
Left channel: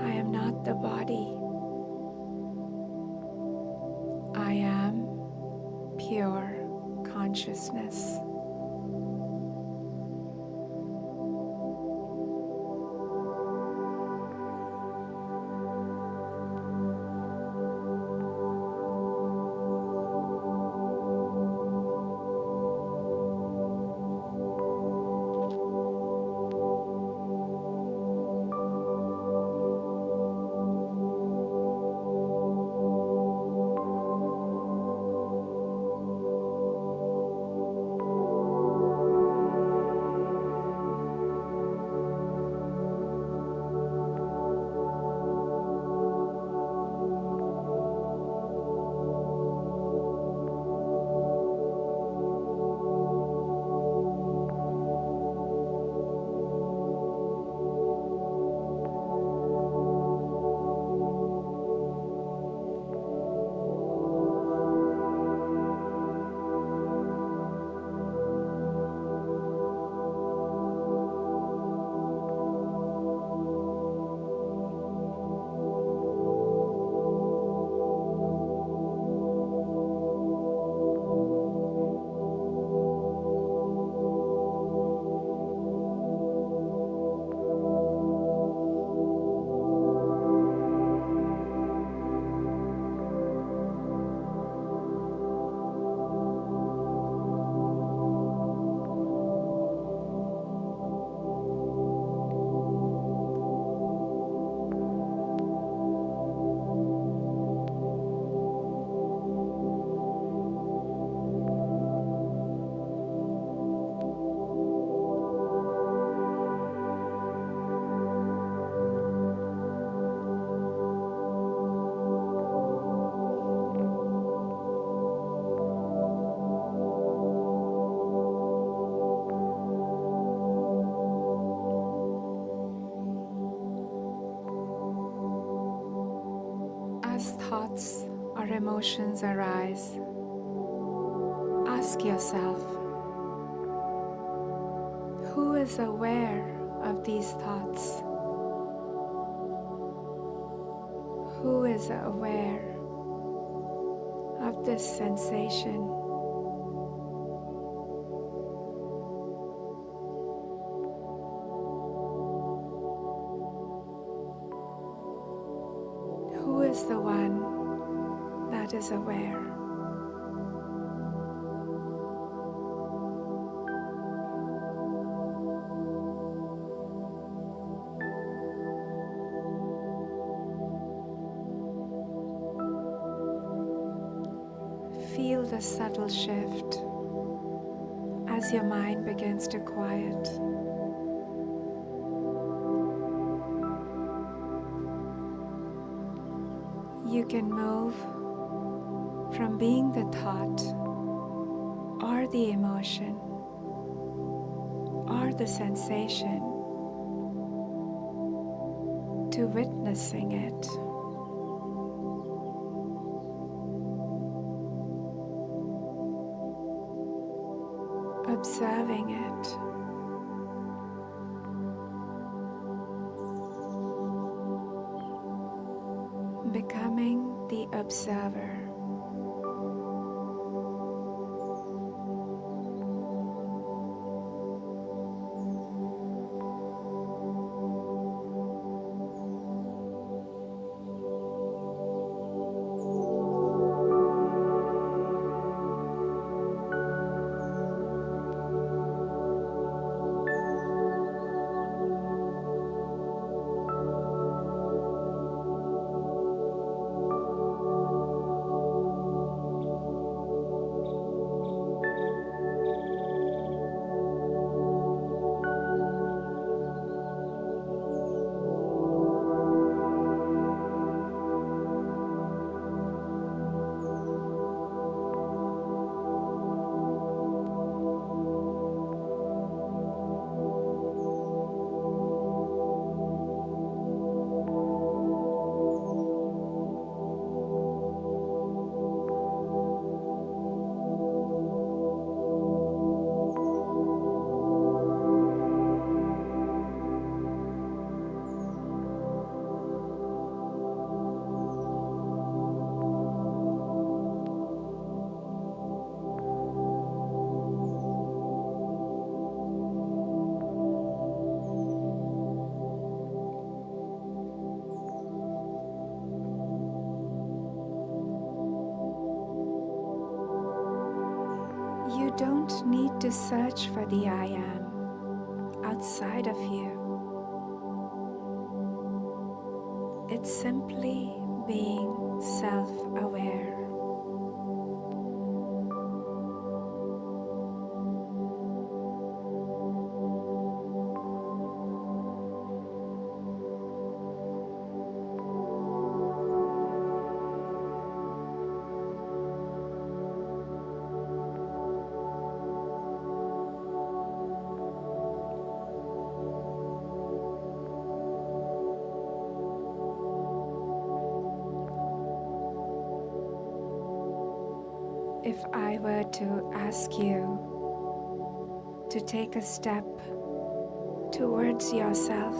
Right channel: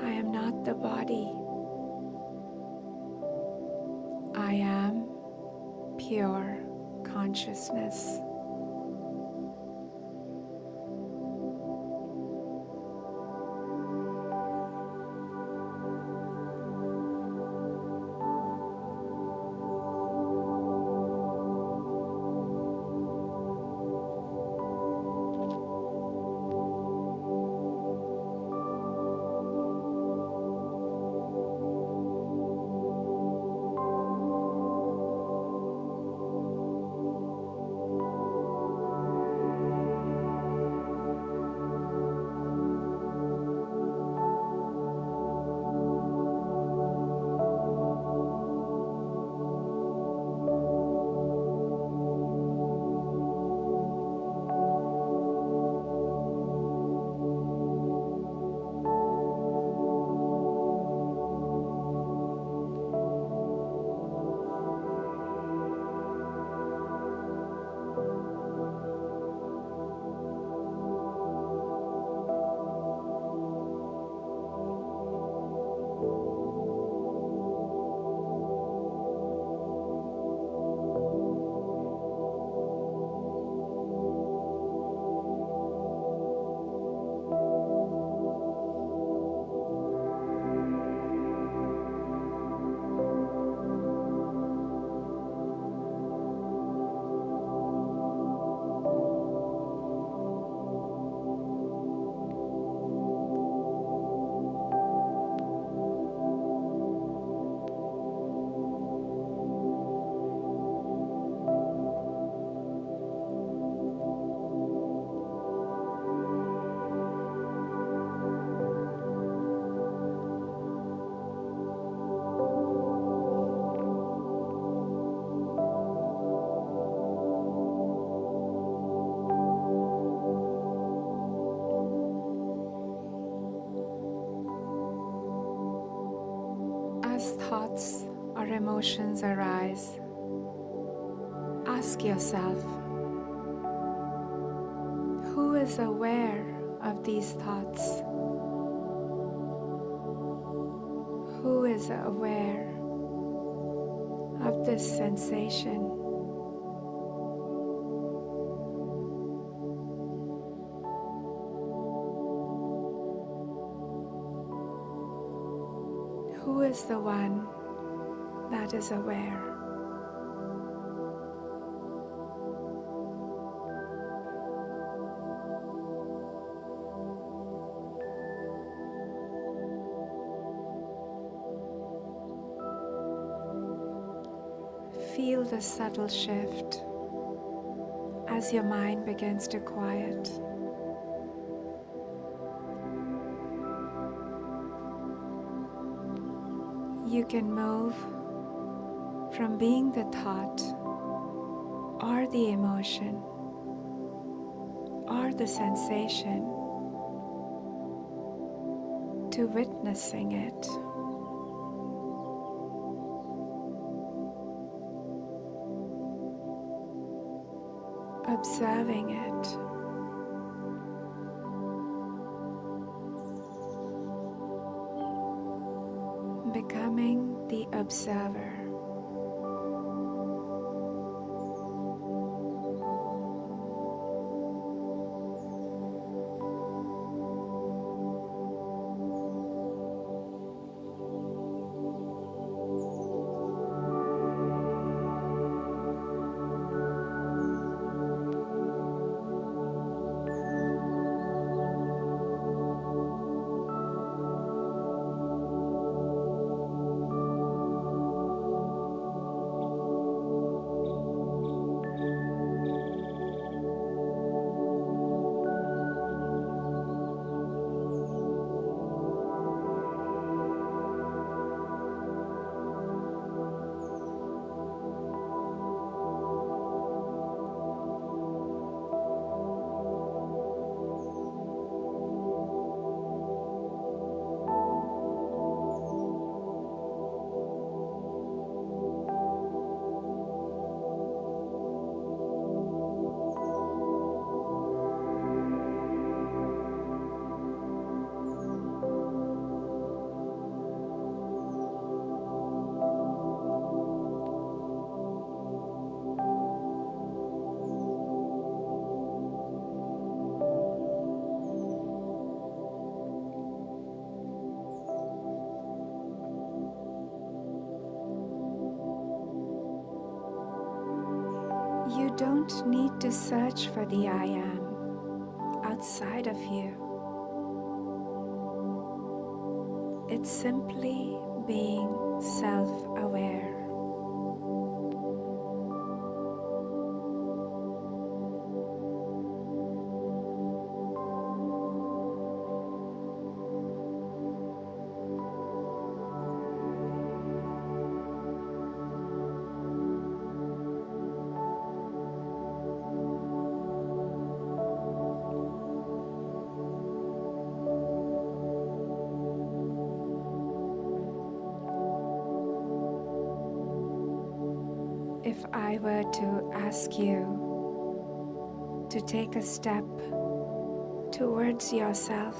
I am not the body, I am pure consciousness. As thoughts or emotions arise, ask yourself, who is aware of these thoughts? Who is aware of this sensation? Who is the one that is aware? Feel the subtle shift as your mind begins to quiet. You can move from being the thought or the emotion or the sensation to witnessing it. Observing it. Becoming the observer. You don't need to search for the I am outside of you. It's simply being self-aware. If I were to ask you to take a step towards yourself,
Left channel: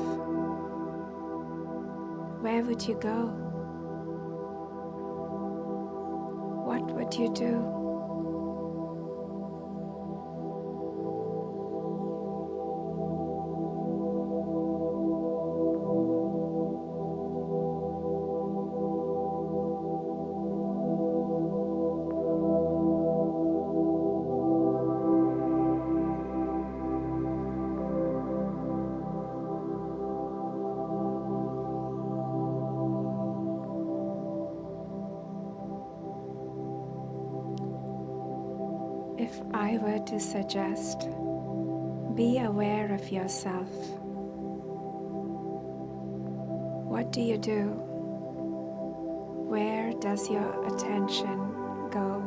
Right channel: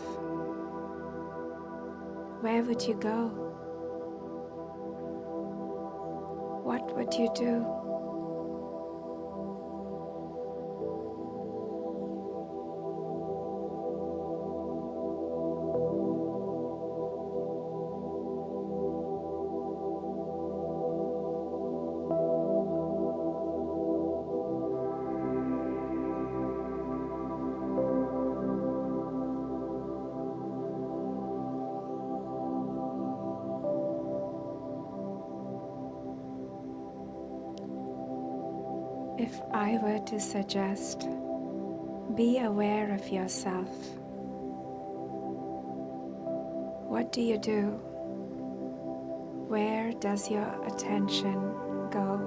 where would you go? What would you do? If I were to suggest, be aware of yourself, what do you do? Where does your attention go?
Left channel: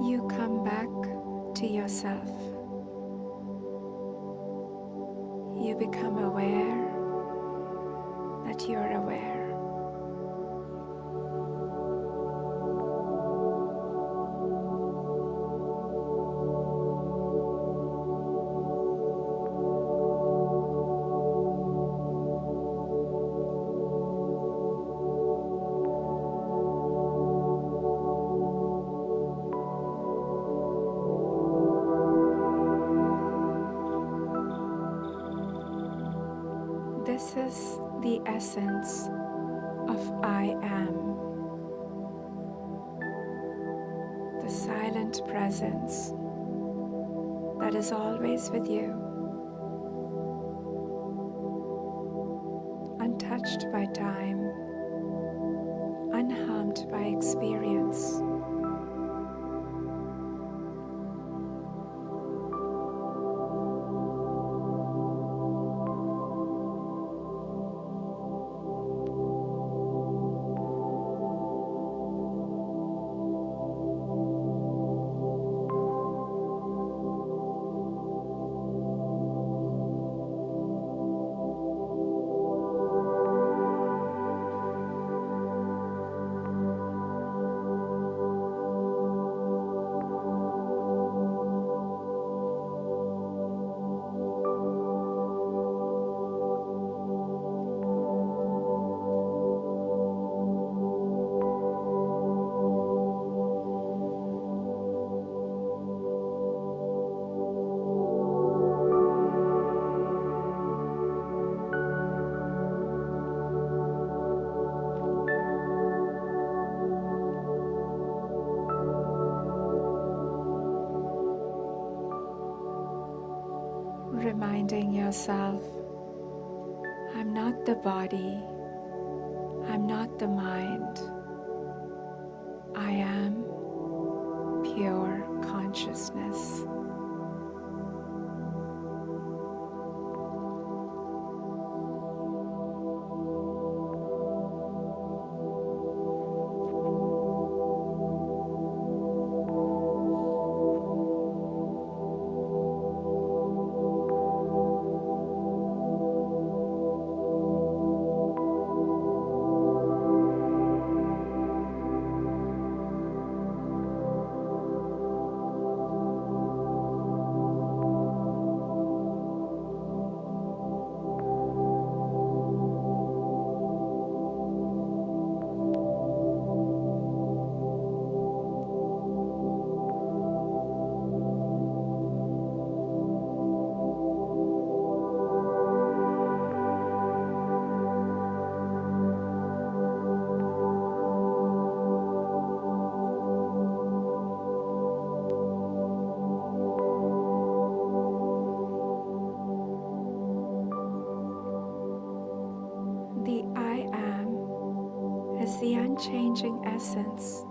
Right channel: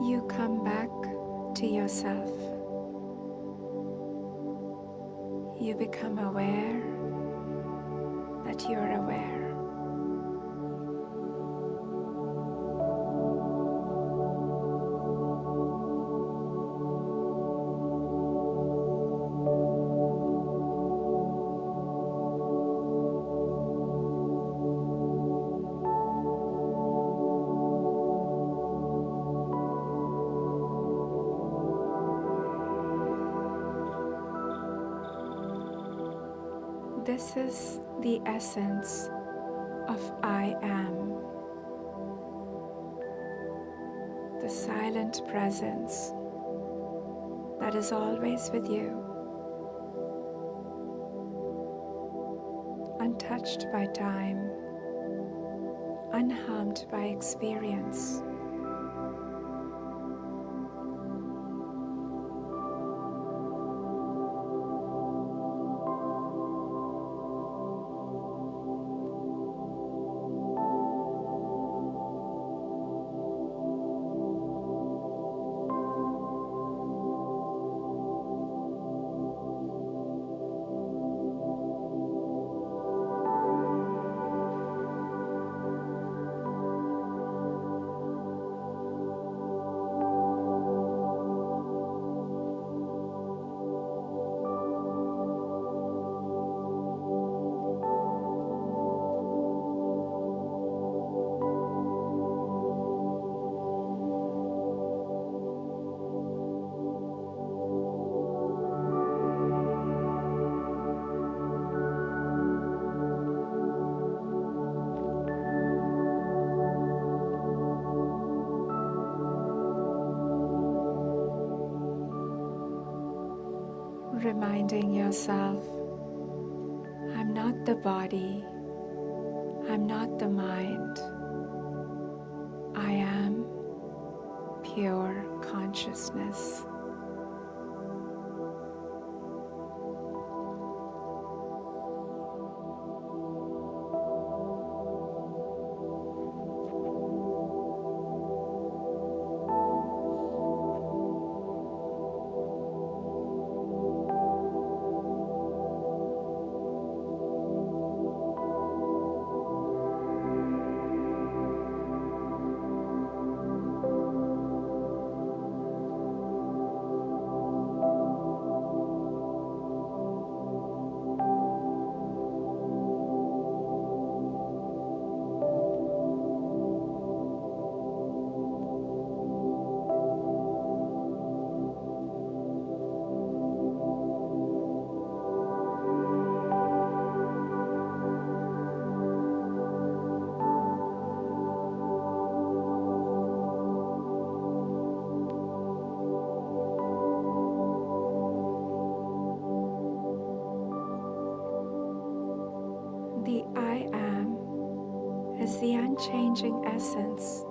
You come back to yourself. You become aware that you're aware. This is the essence of I am, the silent presence that is always with you, untouched by time, unharmed by experience. Reminding yourself, I'm not the body, I'm not the mind, I am pure consciousness. The I am is the unchanging essence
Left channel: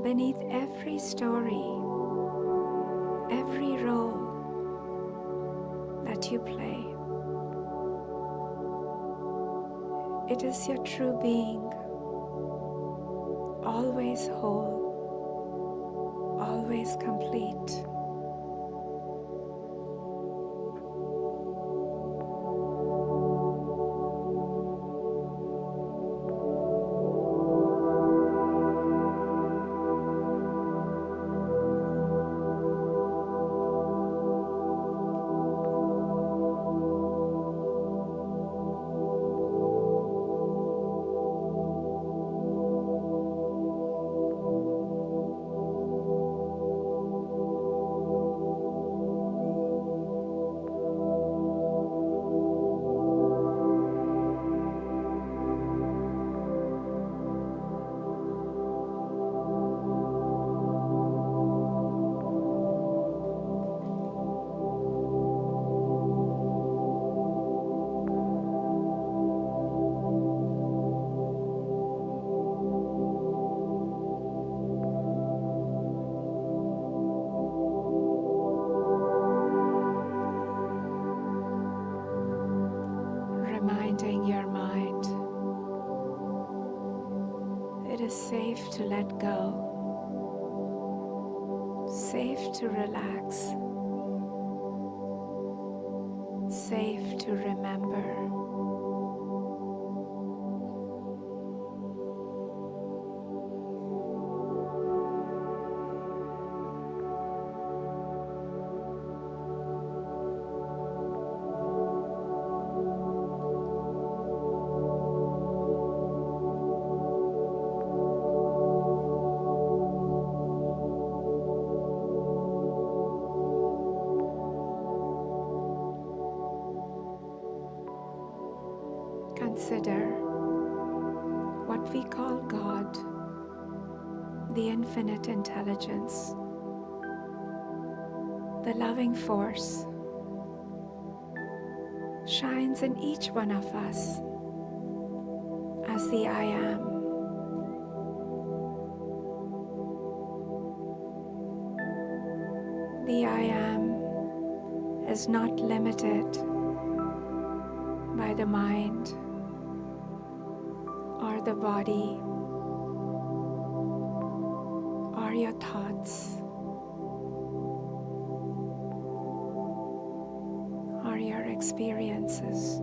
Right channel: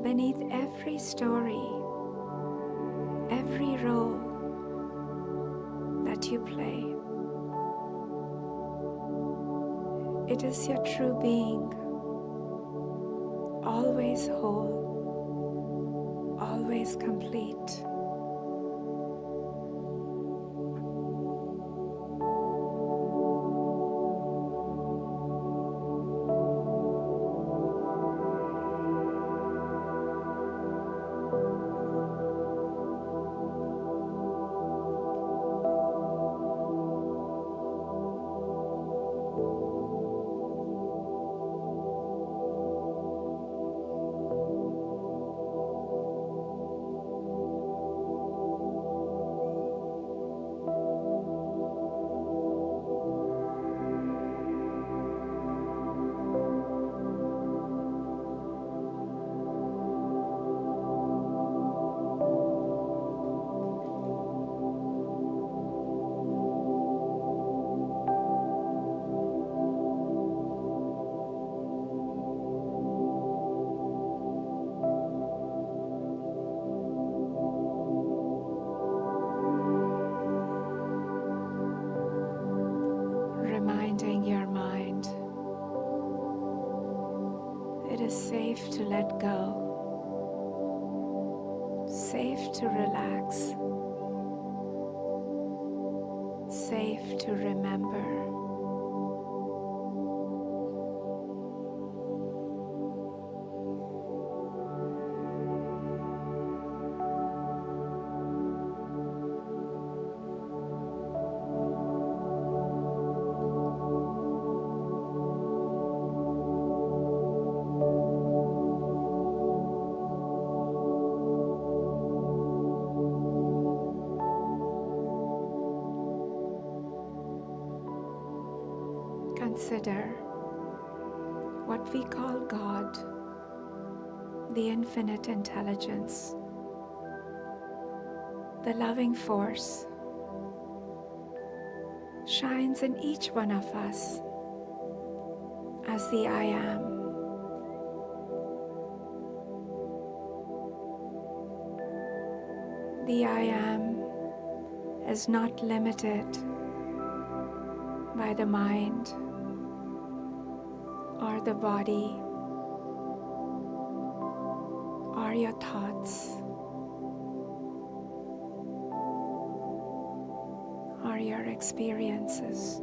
beneath every story, every role that you play. It is your true being, always whole, always complete. Reminding your mind it is safe to let go, safe to relax, safe to remember. Consider what we call God, the infinite intelligence, the loving force, shines in each one of us as the I am. The I am is not limited by the mind or the body or your thoughts or your experiences.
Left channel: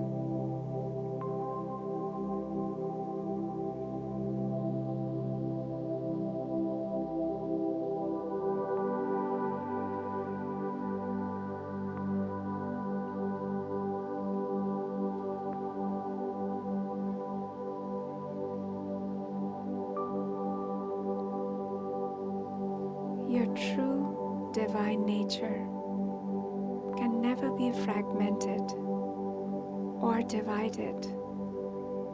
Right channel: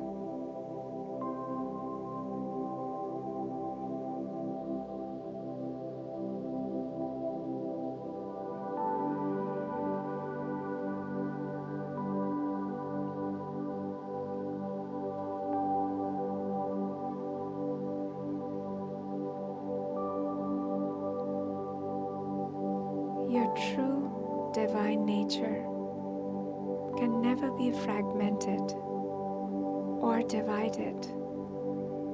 Your true divine nature can never be fragmented or divided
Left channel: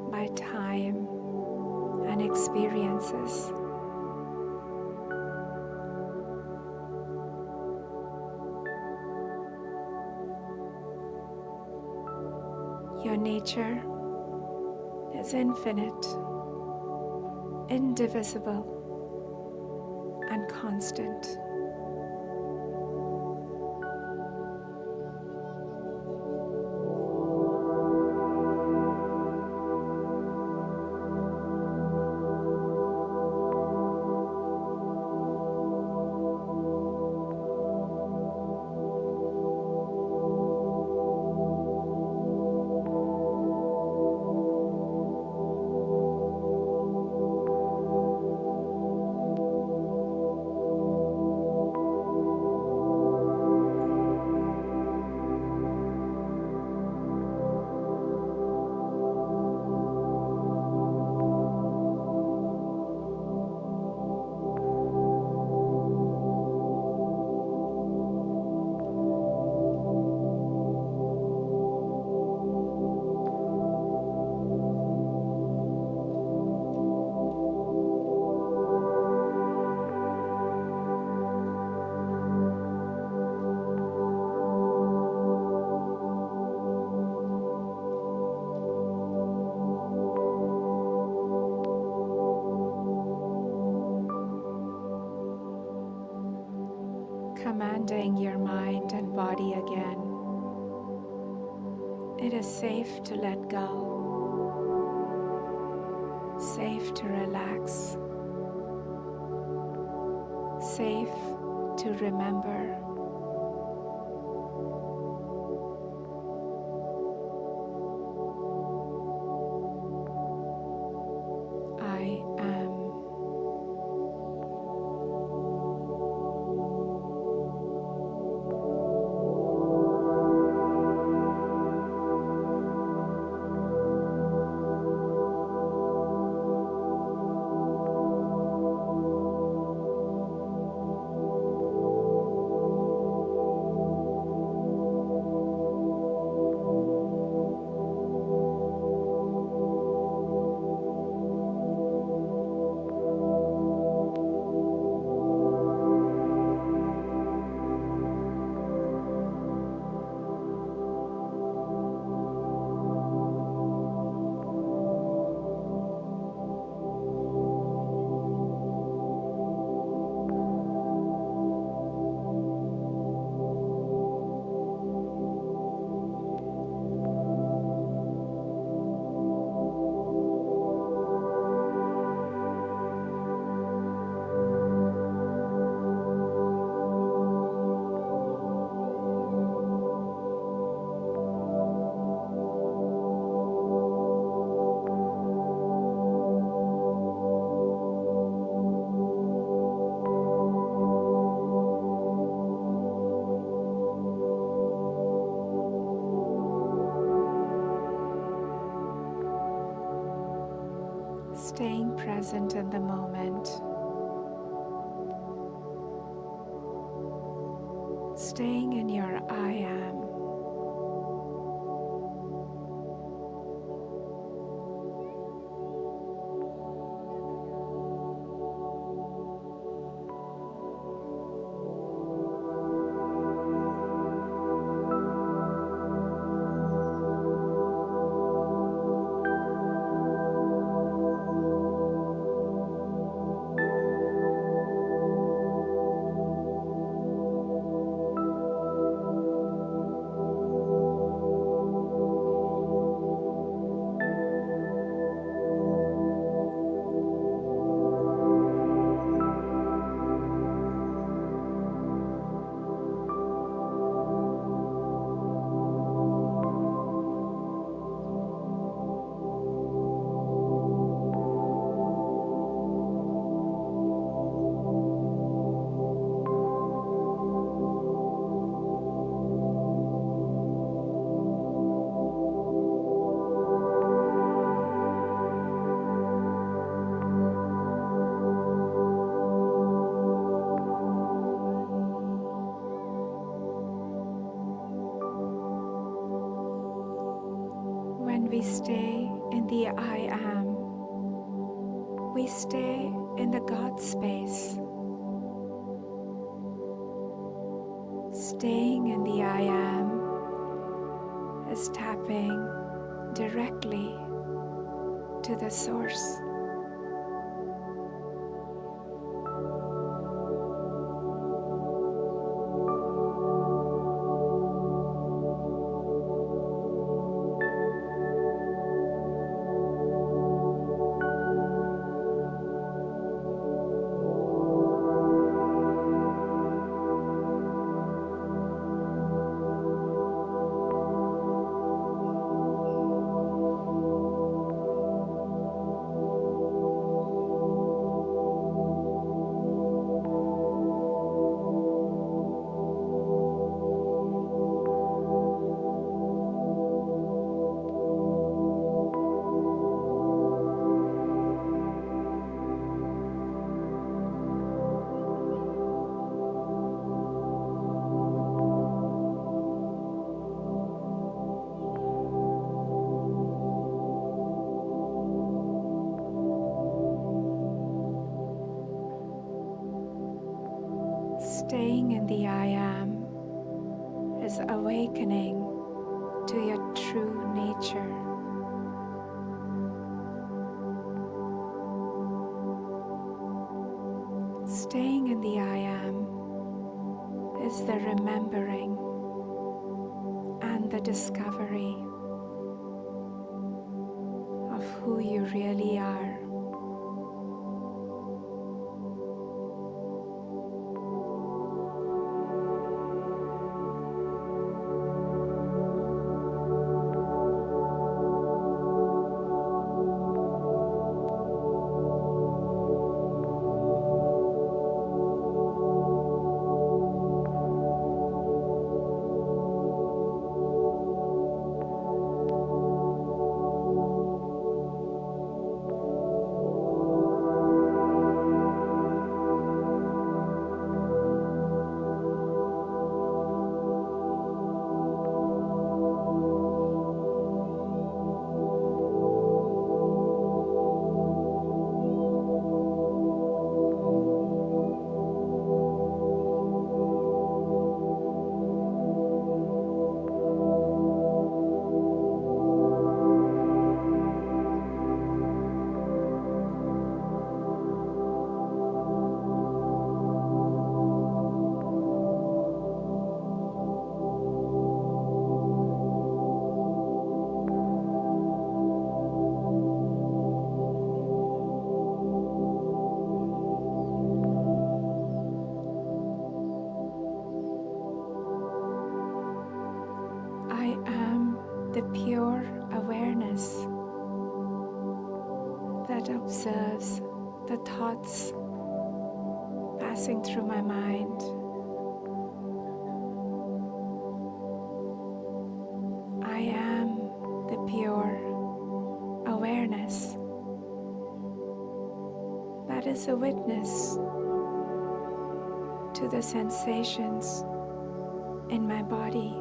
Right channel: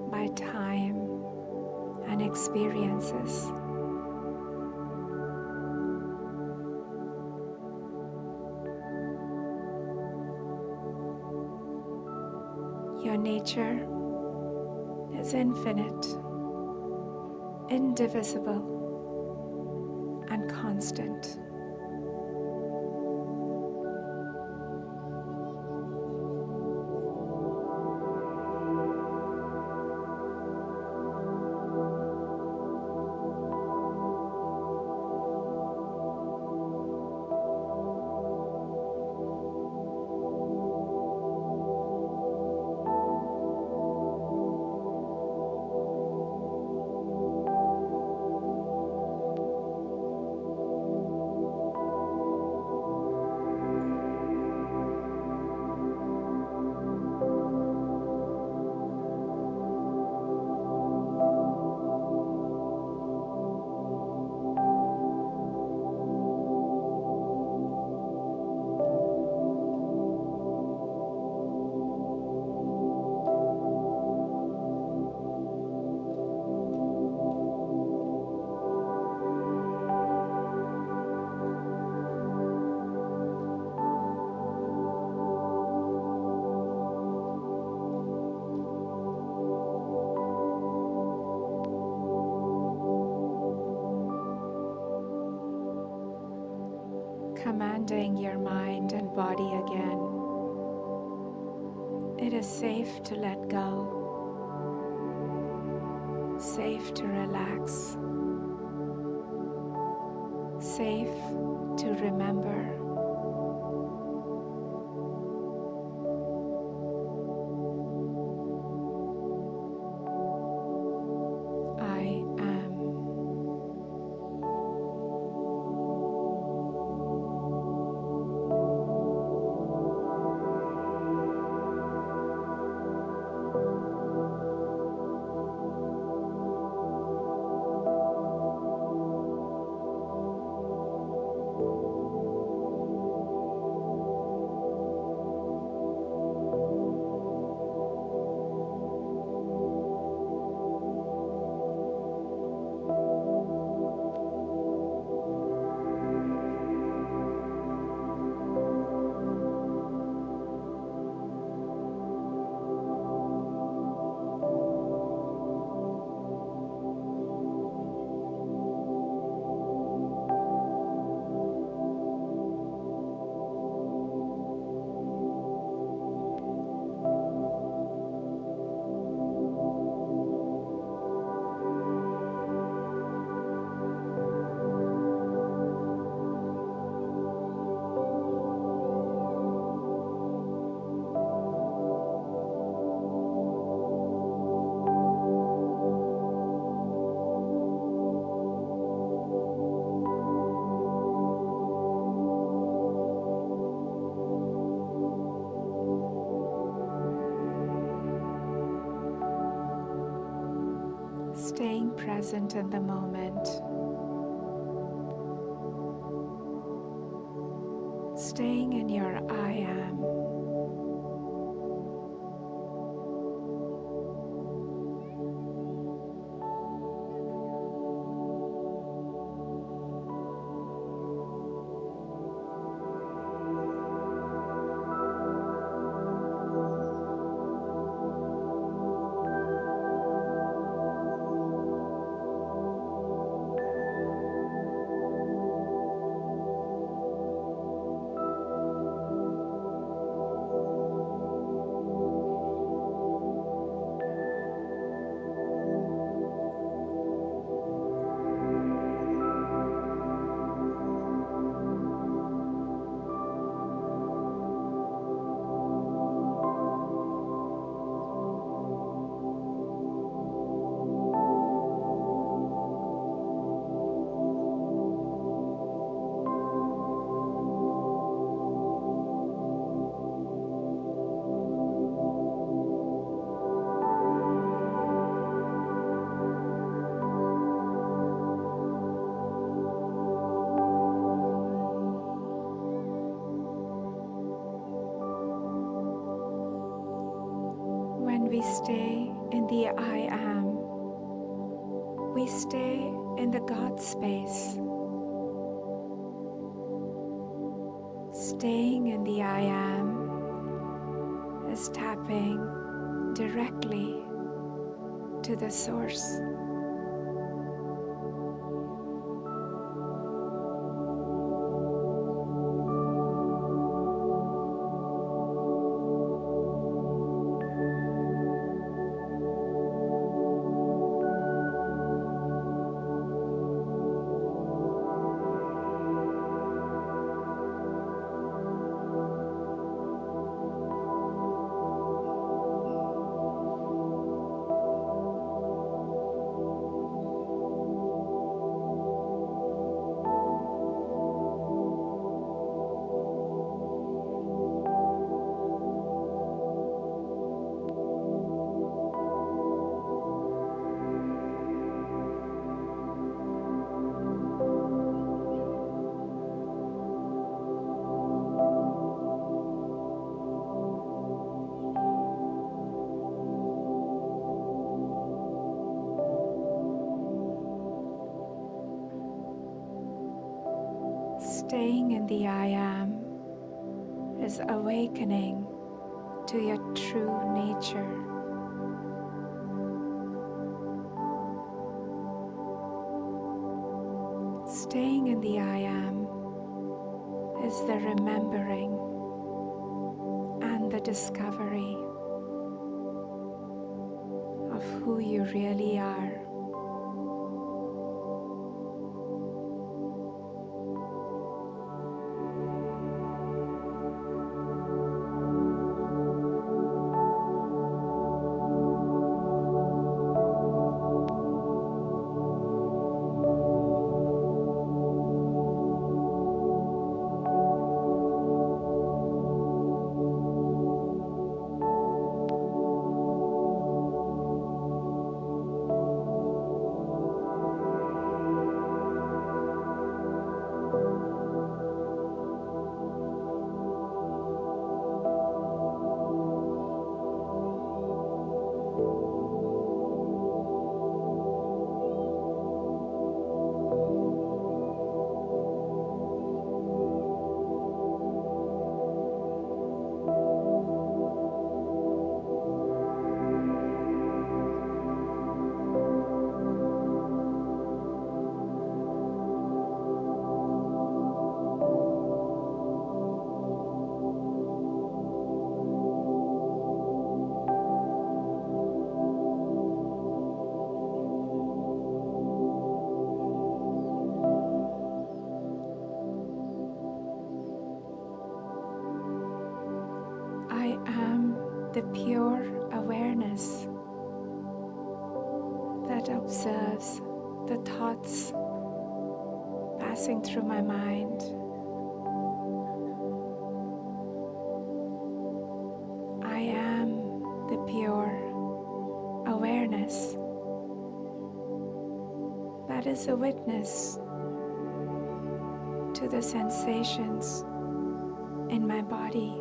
by time and experiences. Your nature is infinite, indivisible, and constant. Commanding your mind and body again. It is safe to let go, safe to relax, safe to remember. I am. Staying present in the moment, staying in your I am. we stay in the I am. We stay in the God space. Staying in the I am is tapping directly to the source. Staying in the I am is awakening to your true nature. Staying in the I am is the remembering and the discovery of who you really are. I am the pure awareness that observes the thoughts passing through my mind. I am the pure awareness that is a witness to the sensations in my body.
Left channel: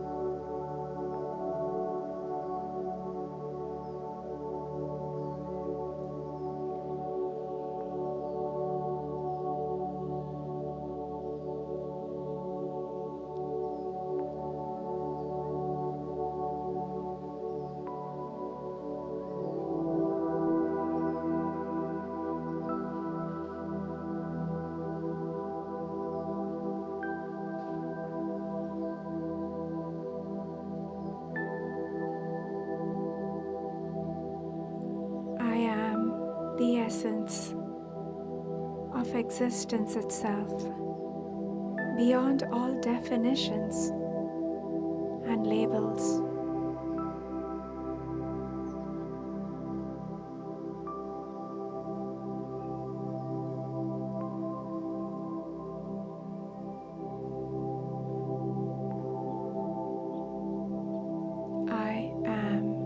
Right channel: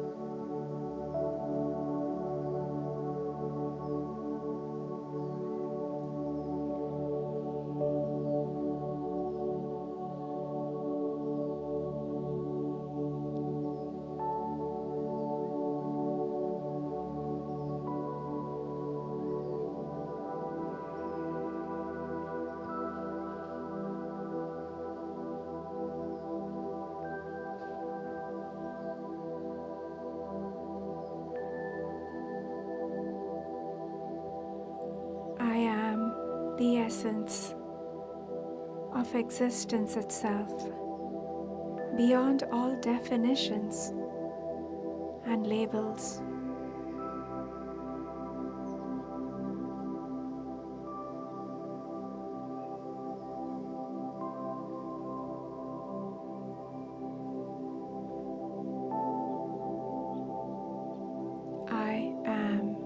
I am the essence of existence itself, beyond all definitions and labels. I am.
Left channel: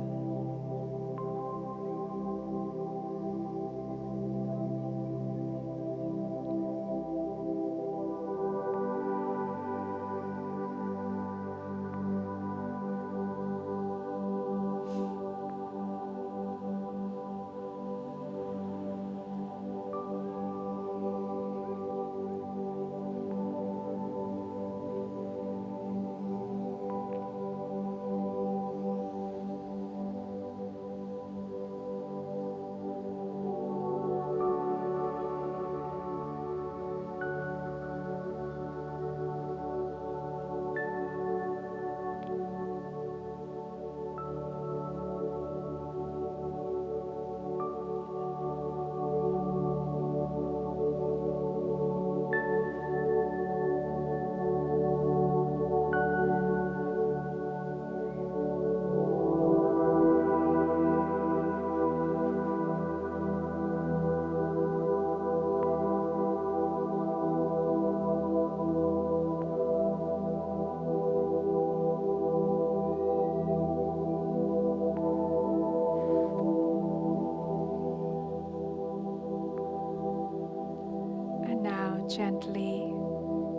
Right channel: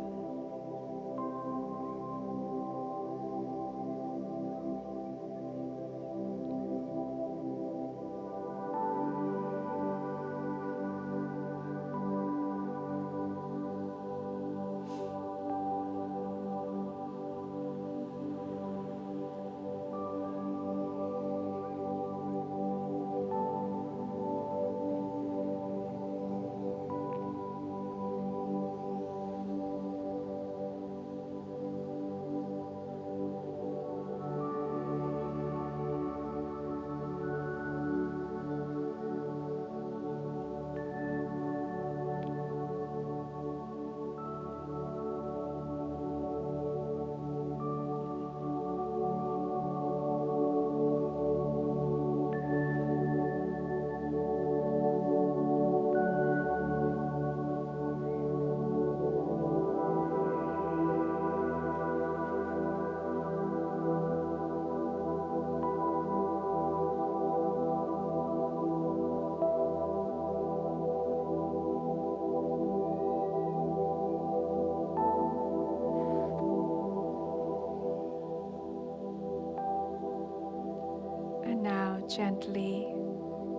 gently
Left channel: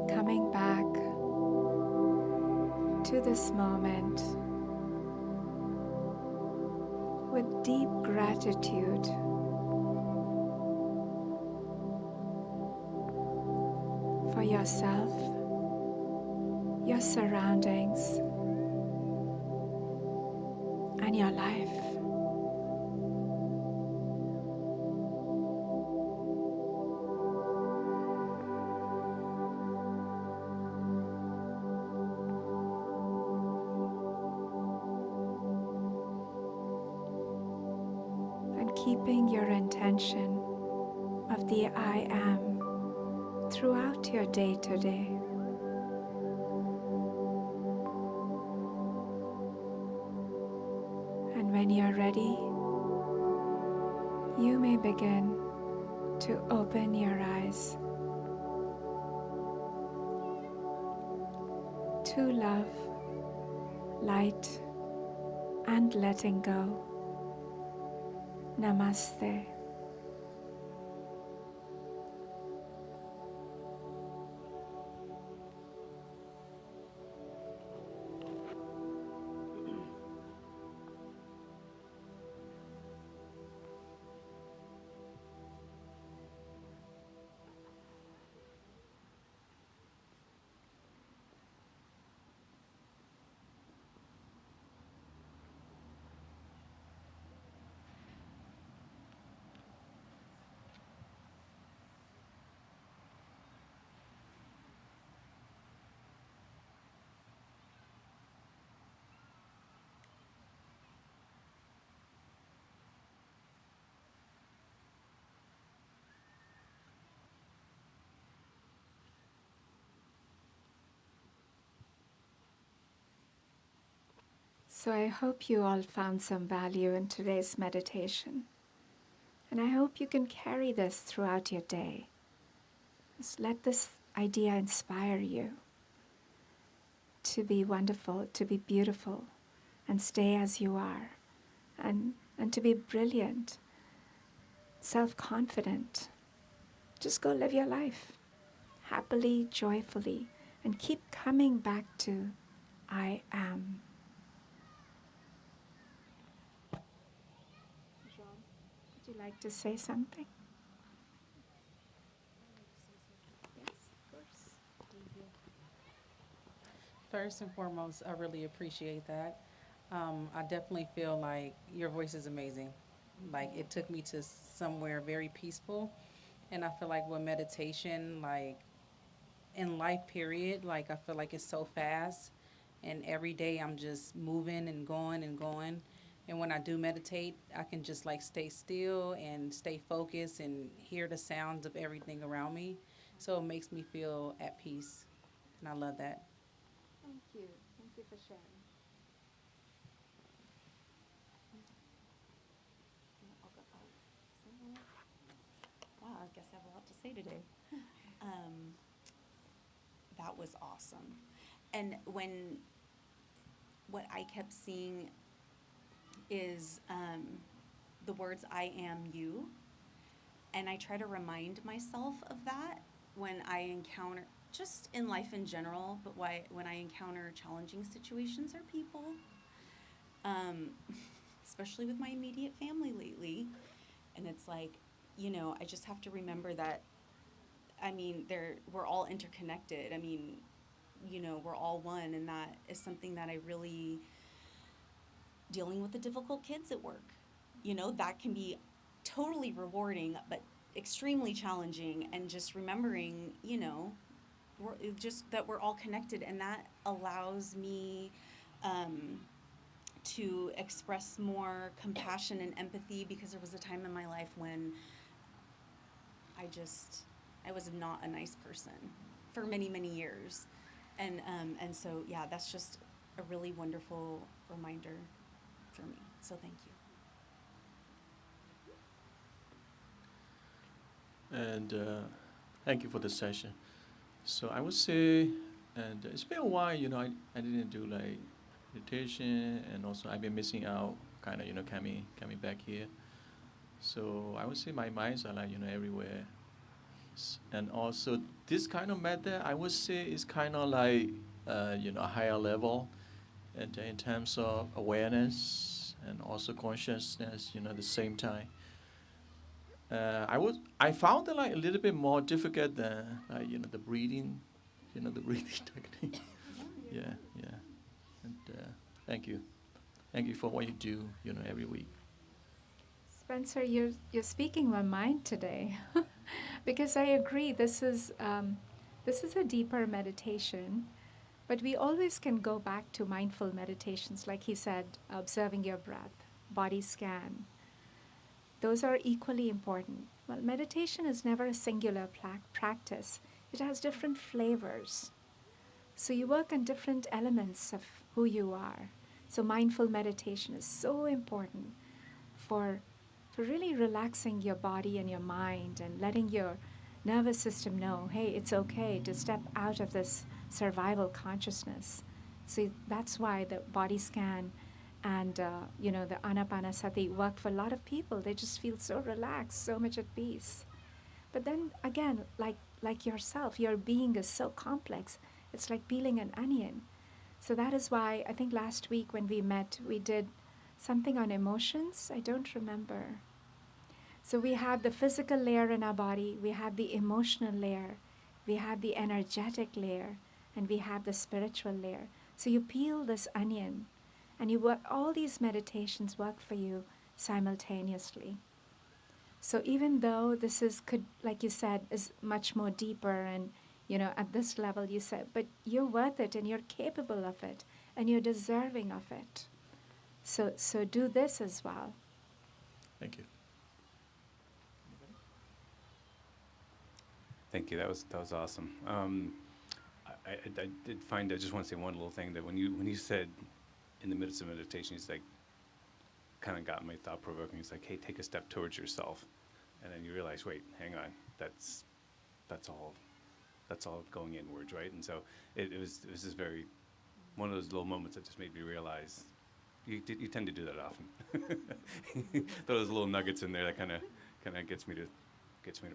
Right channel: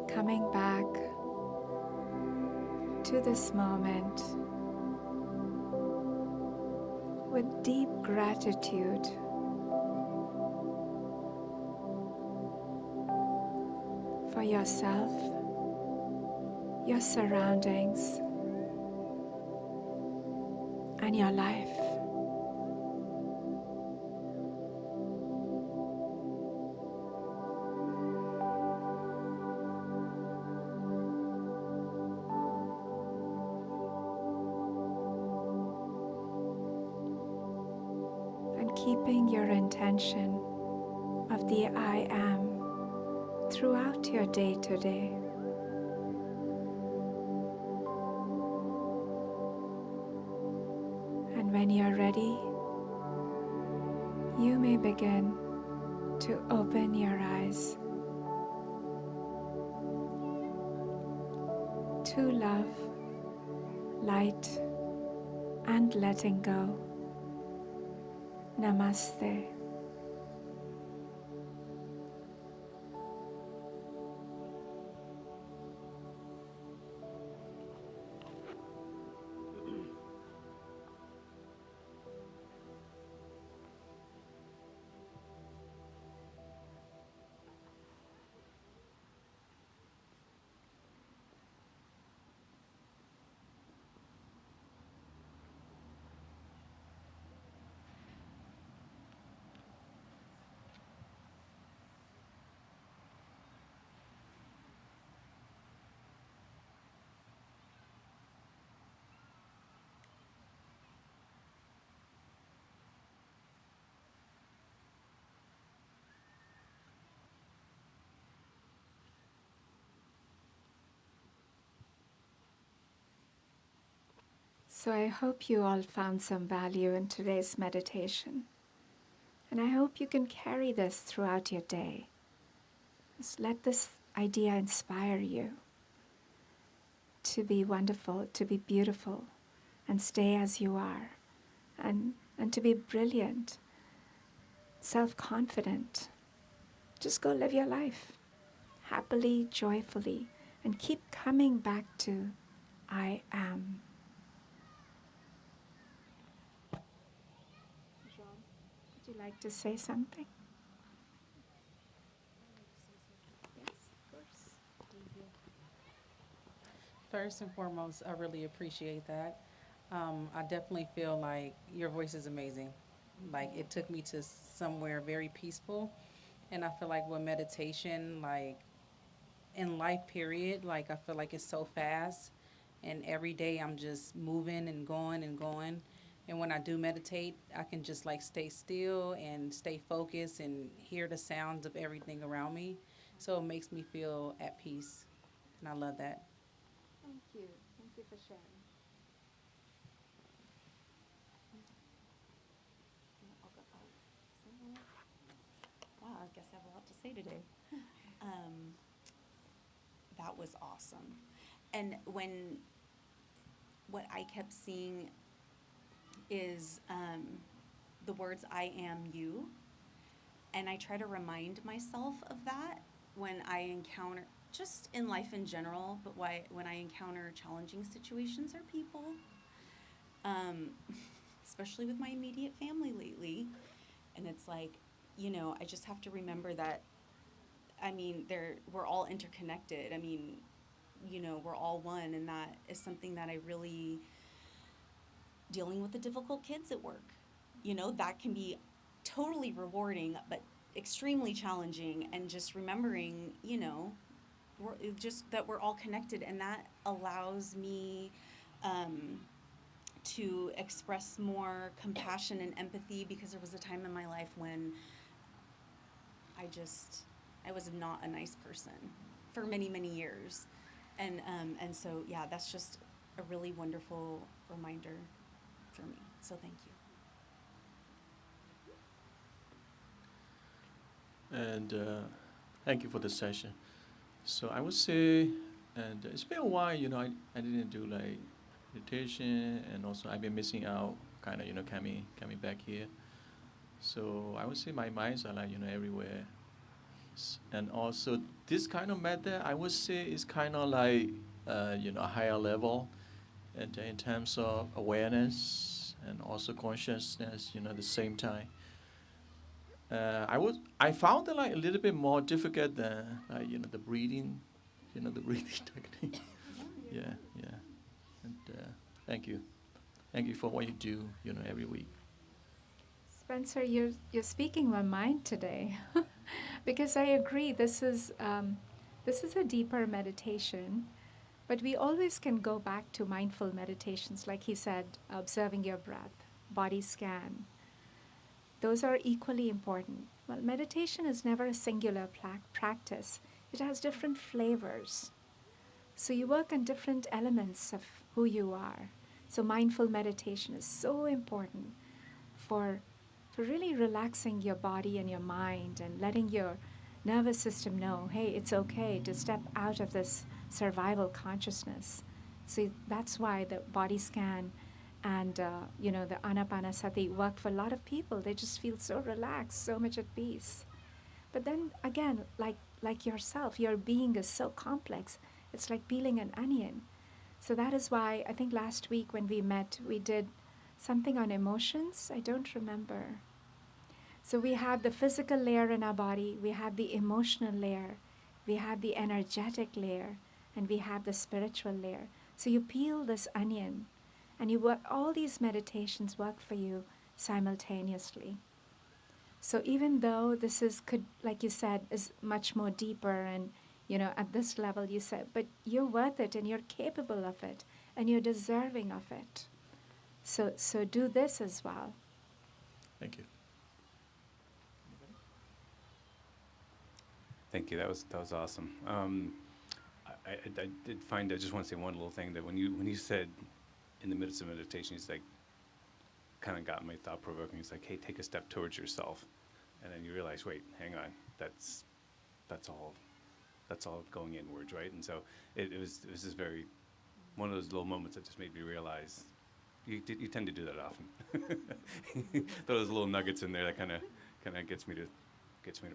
coming back to this moment with deep gratitude for yourself, your surroundings, and your life. And keeping your intention of the I am throughout your day today. And when you're ready, you may begin to open your eyes to love, light, and letting go. Namaste. So I hope you all found some value in today's meditation. And I hope you can carry this throughout your day. Just let this idea inspire you to be wonderful, to be beautiful, and stay as you are, and to be brilliant, self-confident. Just go live your life happily, joyfully, and keep coming back to I am. Jean, would you like to say something? Yes, of course. First and foremost, I really appreciate that. I definitely feel like your voice is amazing. Like it took me to somewhere very peaceful. And I feel like with meditation, like in life period, like I feel like it's so fast. And every day I'm just moving and going and going. And when I do meditate, I can just like stay still and stay focused and hear the sounds of everything around me. So it makes me feel at peace. And I love that. Thank you. Thank you for sharing. Wow, I guess I have a lot to say today. That was awesome. And what I kept seeing is the words I am you. And I try to remind myself of that when I encounter, just in life in general, but when I encounter challenging situations or people, especially with my immediate family lately. And it's like, I just have to remember that, we're all interconnected. We're all one, and that is something that I really, dealing with the difficult kids at work, that can be totally rewarding, but extremely challenging. And just remembering, that we're all connected, and that allows me to express more compassion and empathy, because there was a time in my life when I was not a nice person for many, many years. And so, yeah, that's just a really wonderful reminder for me. So thank you. And thank you for the session. So I would say, and it's been a while, I didn't do like meditation, and also I've been missing out, kind of, coming back here. So I would say my minds are like, everywhere. And also, this kind of method, I would say, is kind of like, a higher level, and in terms of awareness and also consciousness, at the same time. I found it like a little bit more difficult than like, the breathing, the breathing technique. Yeah, yeah. And thank you for what you do, every week. Spencer, you're speaking my mind today, because I agree. This is a deeper meditation, but we always can go back to mindful meditations, like he said, observing your breath, body scan. Those are equally important. Well, meditation is never a singular practice. It has different flavors. So you work on different elements of who you are. So mindful meditation is so important for really relaxing your body and your mind and letting your nervous system know, hey, it's okay to step out of this survival consciousness. So that's why the body scan and the anapanasati worked for a lot of people. They just feel so relaxed, so much at peace. But then again, like yourself, your being is so complex. It's like peeling an onion. So that is why I think last week when we met, we did something on emotions. I don't remember. So we have the physical layer in our body, we have the emotional layer, we have the energetic layer, and we have the spiritual layer. So you peel this onion, and you work, all these meditations work for you simultaneously. So even though this could, like you said, is much more deeper and, at this level you said, but you're worth it and you're capable of it and you're deserving of it. So do this as well. Thank you. Thank you. That was awesome. I did find. I just want to say one little thing, that when you said in the midst of meditation, it's like kind of got my thought provoking. It's like, hey, take a step towards yourself, and then you realize, wait, hang on, that's all going inwards, right? And so it was just very one of those little moments that just made me realize you tend to do that often. Those little nuggets in there that kind of gets me to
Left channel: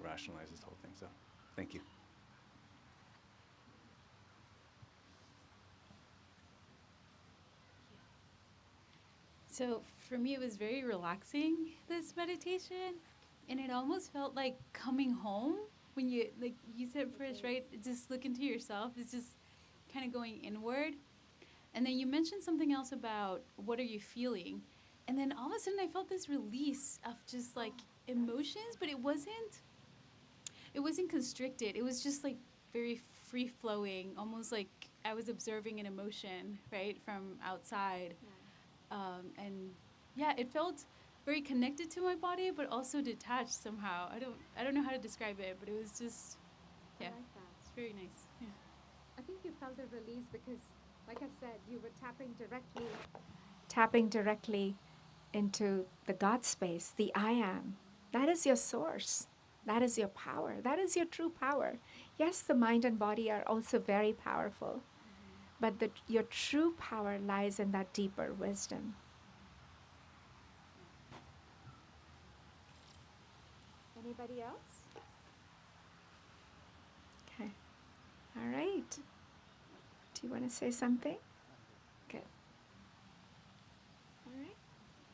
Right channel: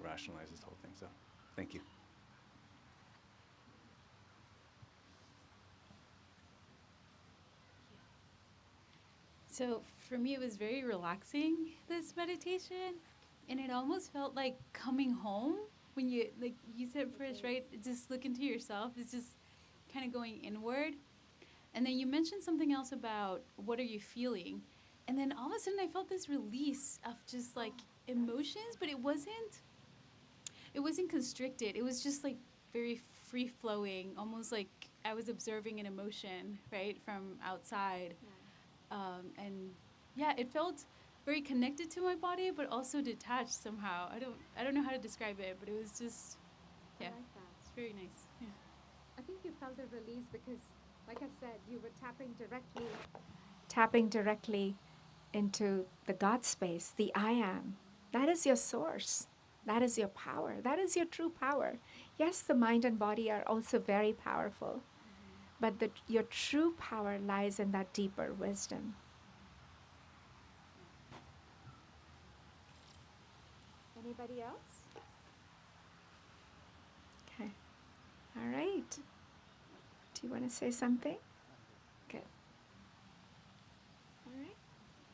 rationalize this whole thing. So thank you. So for me, it was very relaxing, this meditation, and it almost felt like coming home when you, like you said first, right? Just look into yourself. It's just kind of going inward. And then you mentioned something else about what are you feeling? And then all of a sudden I felt this release of just like emotions, but it wasn't constricted. It was just like very free flowing, almost like I was observing an emotion, right, from outside. And yeah, it felt very connected to my body, but also detached somehow. I don't know how to describe it, but it was just, yeah, I like that. it's very nice. Yeah. I think you felt a release because, like I said, you were tapping directly into the God space, the I am. That is your source. That is your power. That is your true power. Yes, the mind and body are also very powerful, but your true power lies in that deeper wisdom. Anybody else? Okay. All right. Do you want to say something? Good. All right.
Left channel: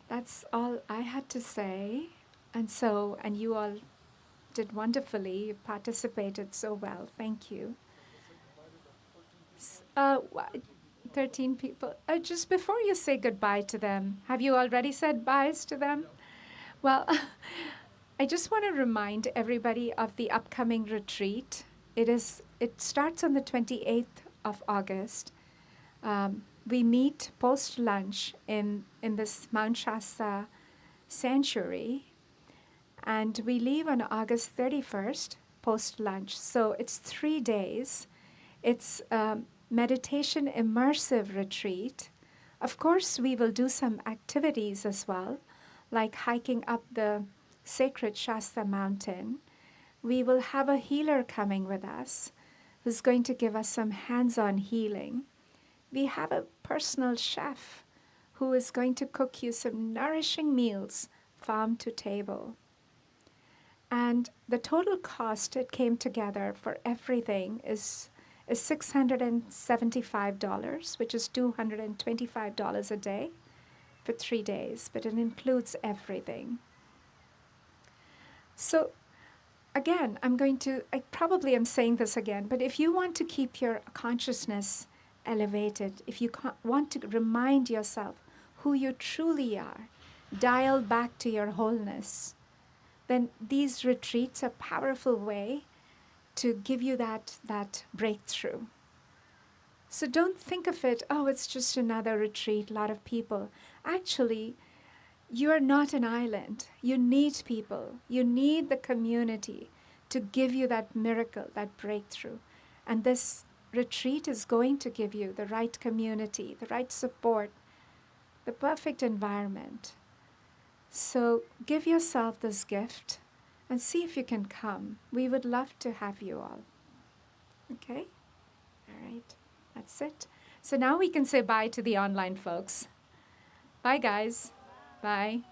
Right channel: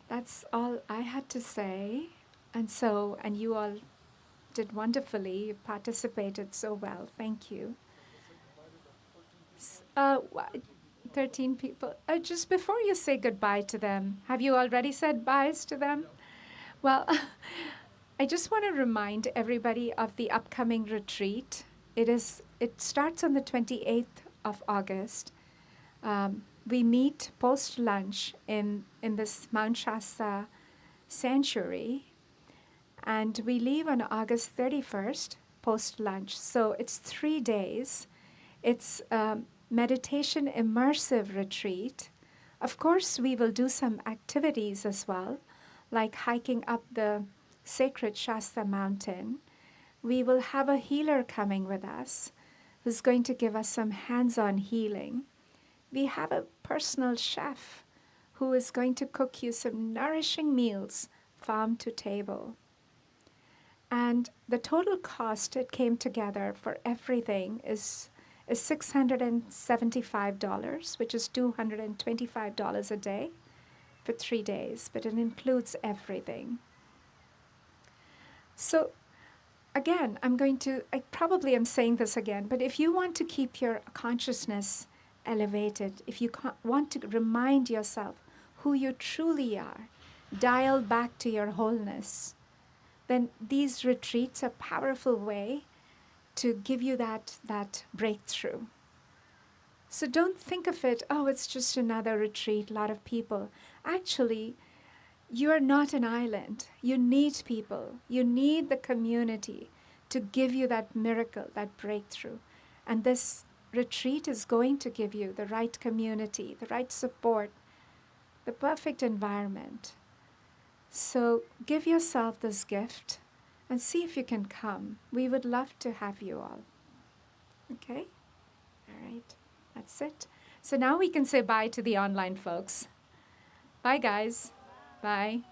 That's all I had to say. And you all did wonderfully. You participated so well. Thank you. 13 people. Just before you say goodbye to them, have you already said byes to them? Well, I just want to remind everybody of the upcoming retreat. It starts on the 28th of August. We meet post-lunch in this Mount Shasta sanctuary, and we leave on August 31st post-lunch. So it's 3 days. It's meditation immersive retreat. Of course, we will do some activities as well, like hiking up the sacred Shasta mountain. We will have a healer coming with us who's going to give us some hands-on healing. We have a personal chef who is going to cook you some nourishing meals, farm to table. And the total cost it came together for everything is $675, which is $225 a day for 3 days, but it includes everything. So again, I probably am saying this again, but if you want to keep your consciousness elevated, if you want to remind yourself who you truly are, dial back to your wholeness, then these retreats are a powerful way to give you that breakthrough. So don't think of it, oh, it's just another retreat, a lot of people. Actually, you are not an island. You need people. You need the community to give you that miracle, that breakthrough. And this retreat is going to give you the right community, the right support, the perfect environment. So give yourself this gift and see if you can come. We would love to have you all. Okay? All right. That's it. So now we can say bye to the online folks. Bye, guys. Bye.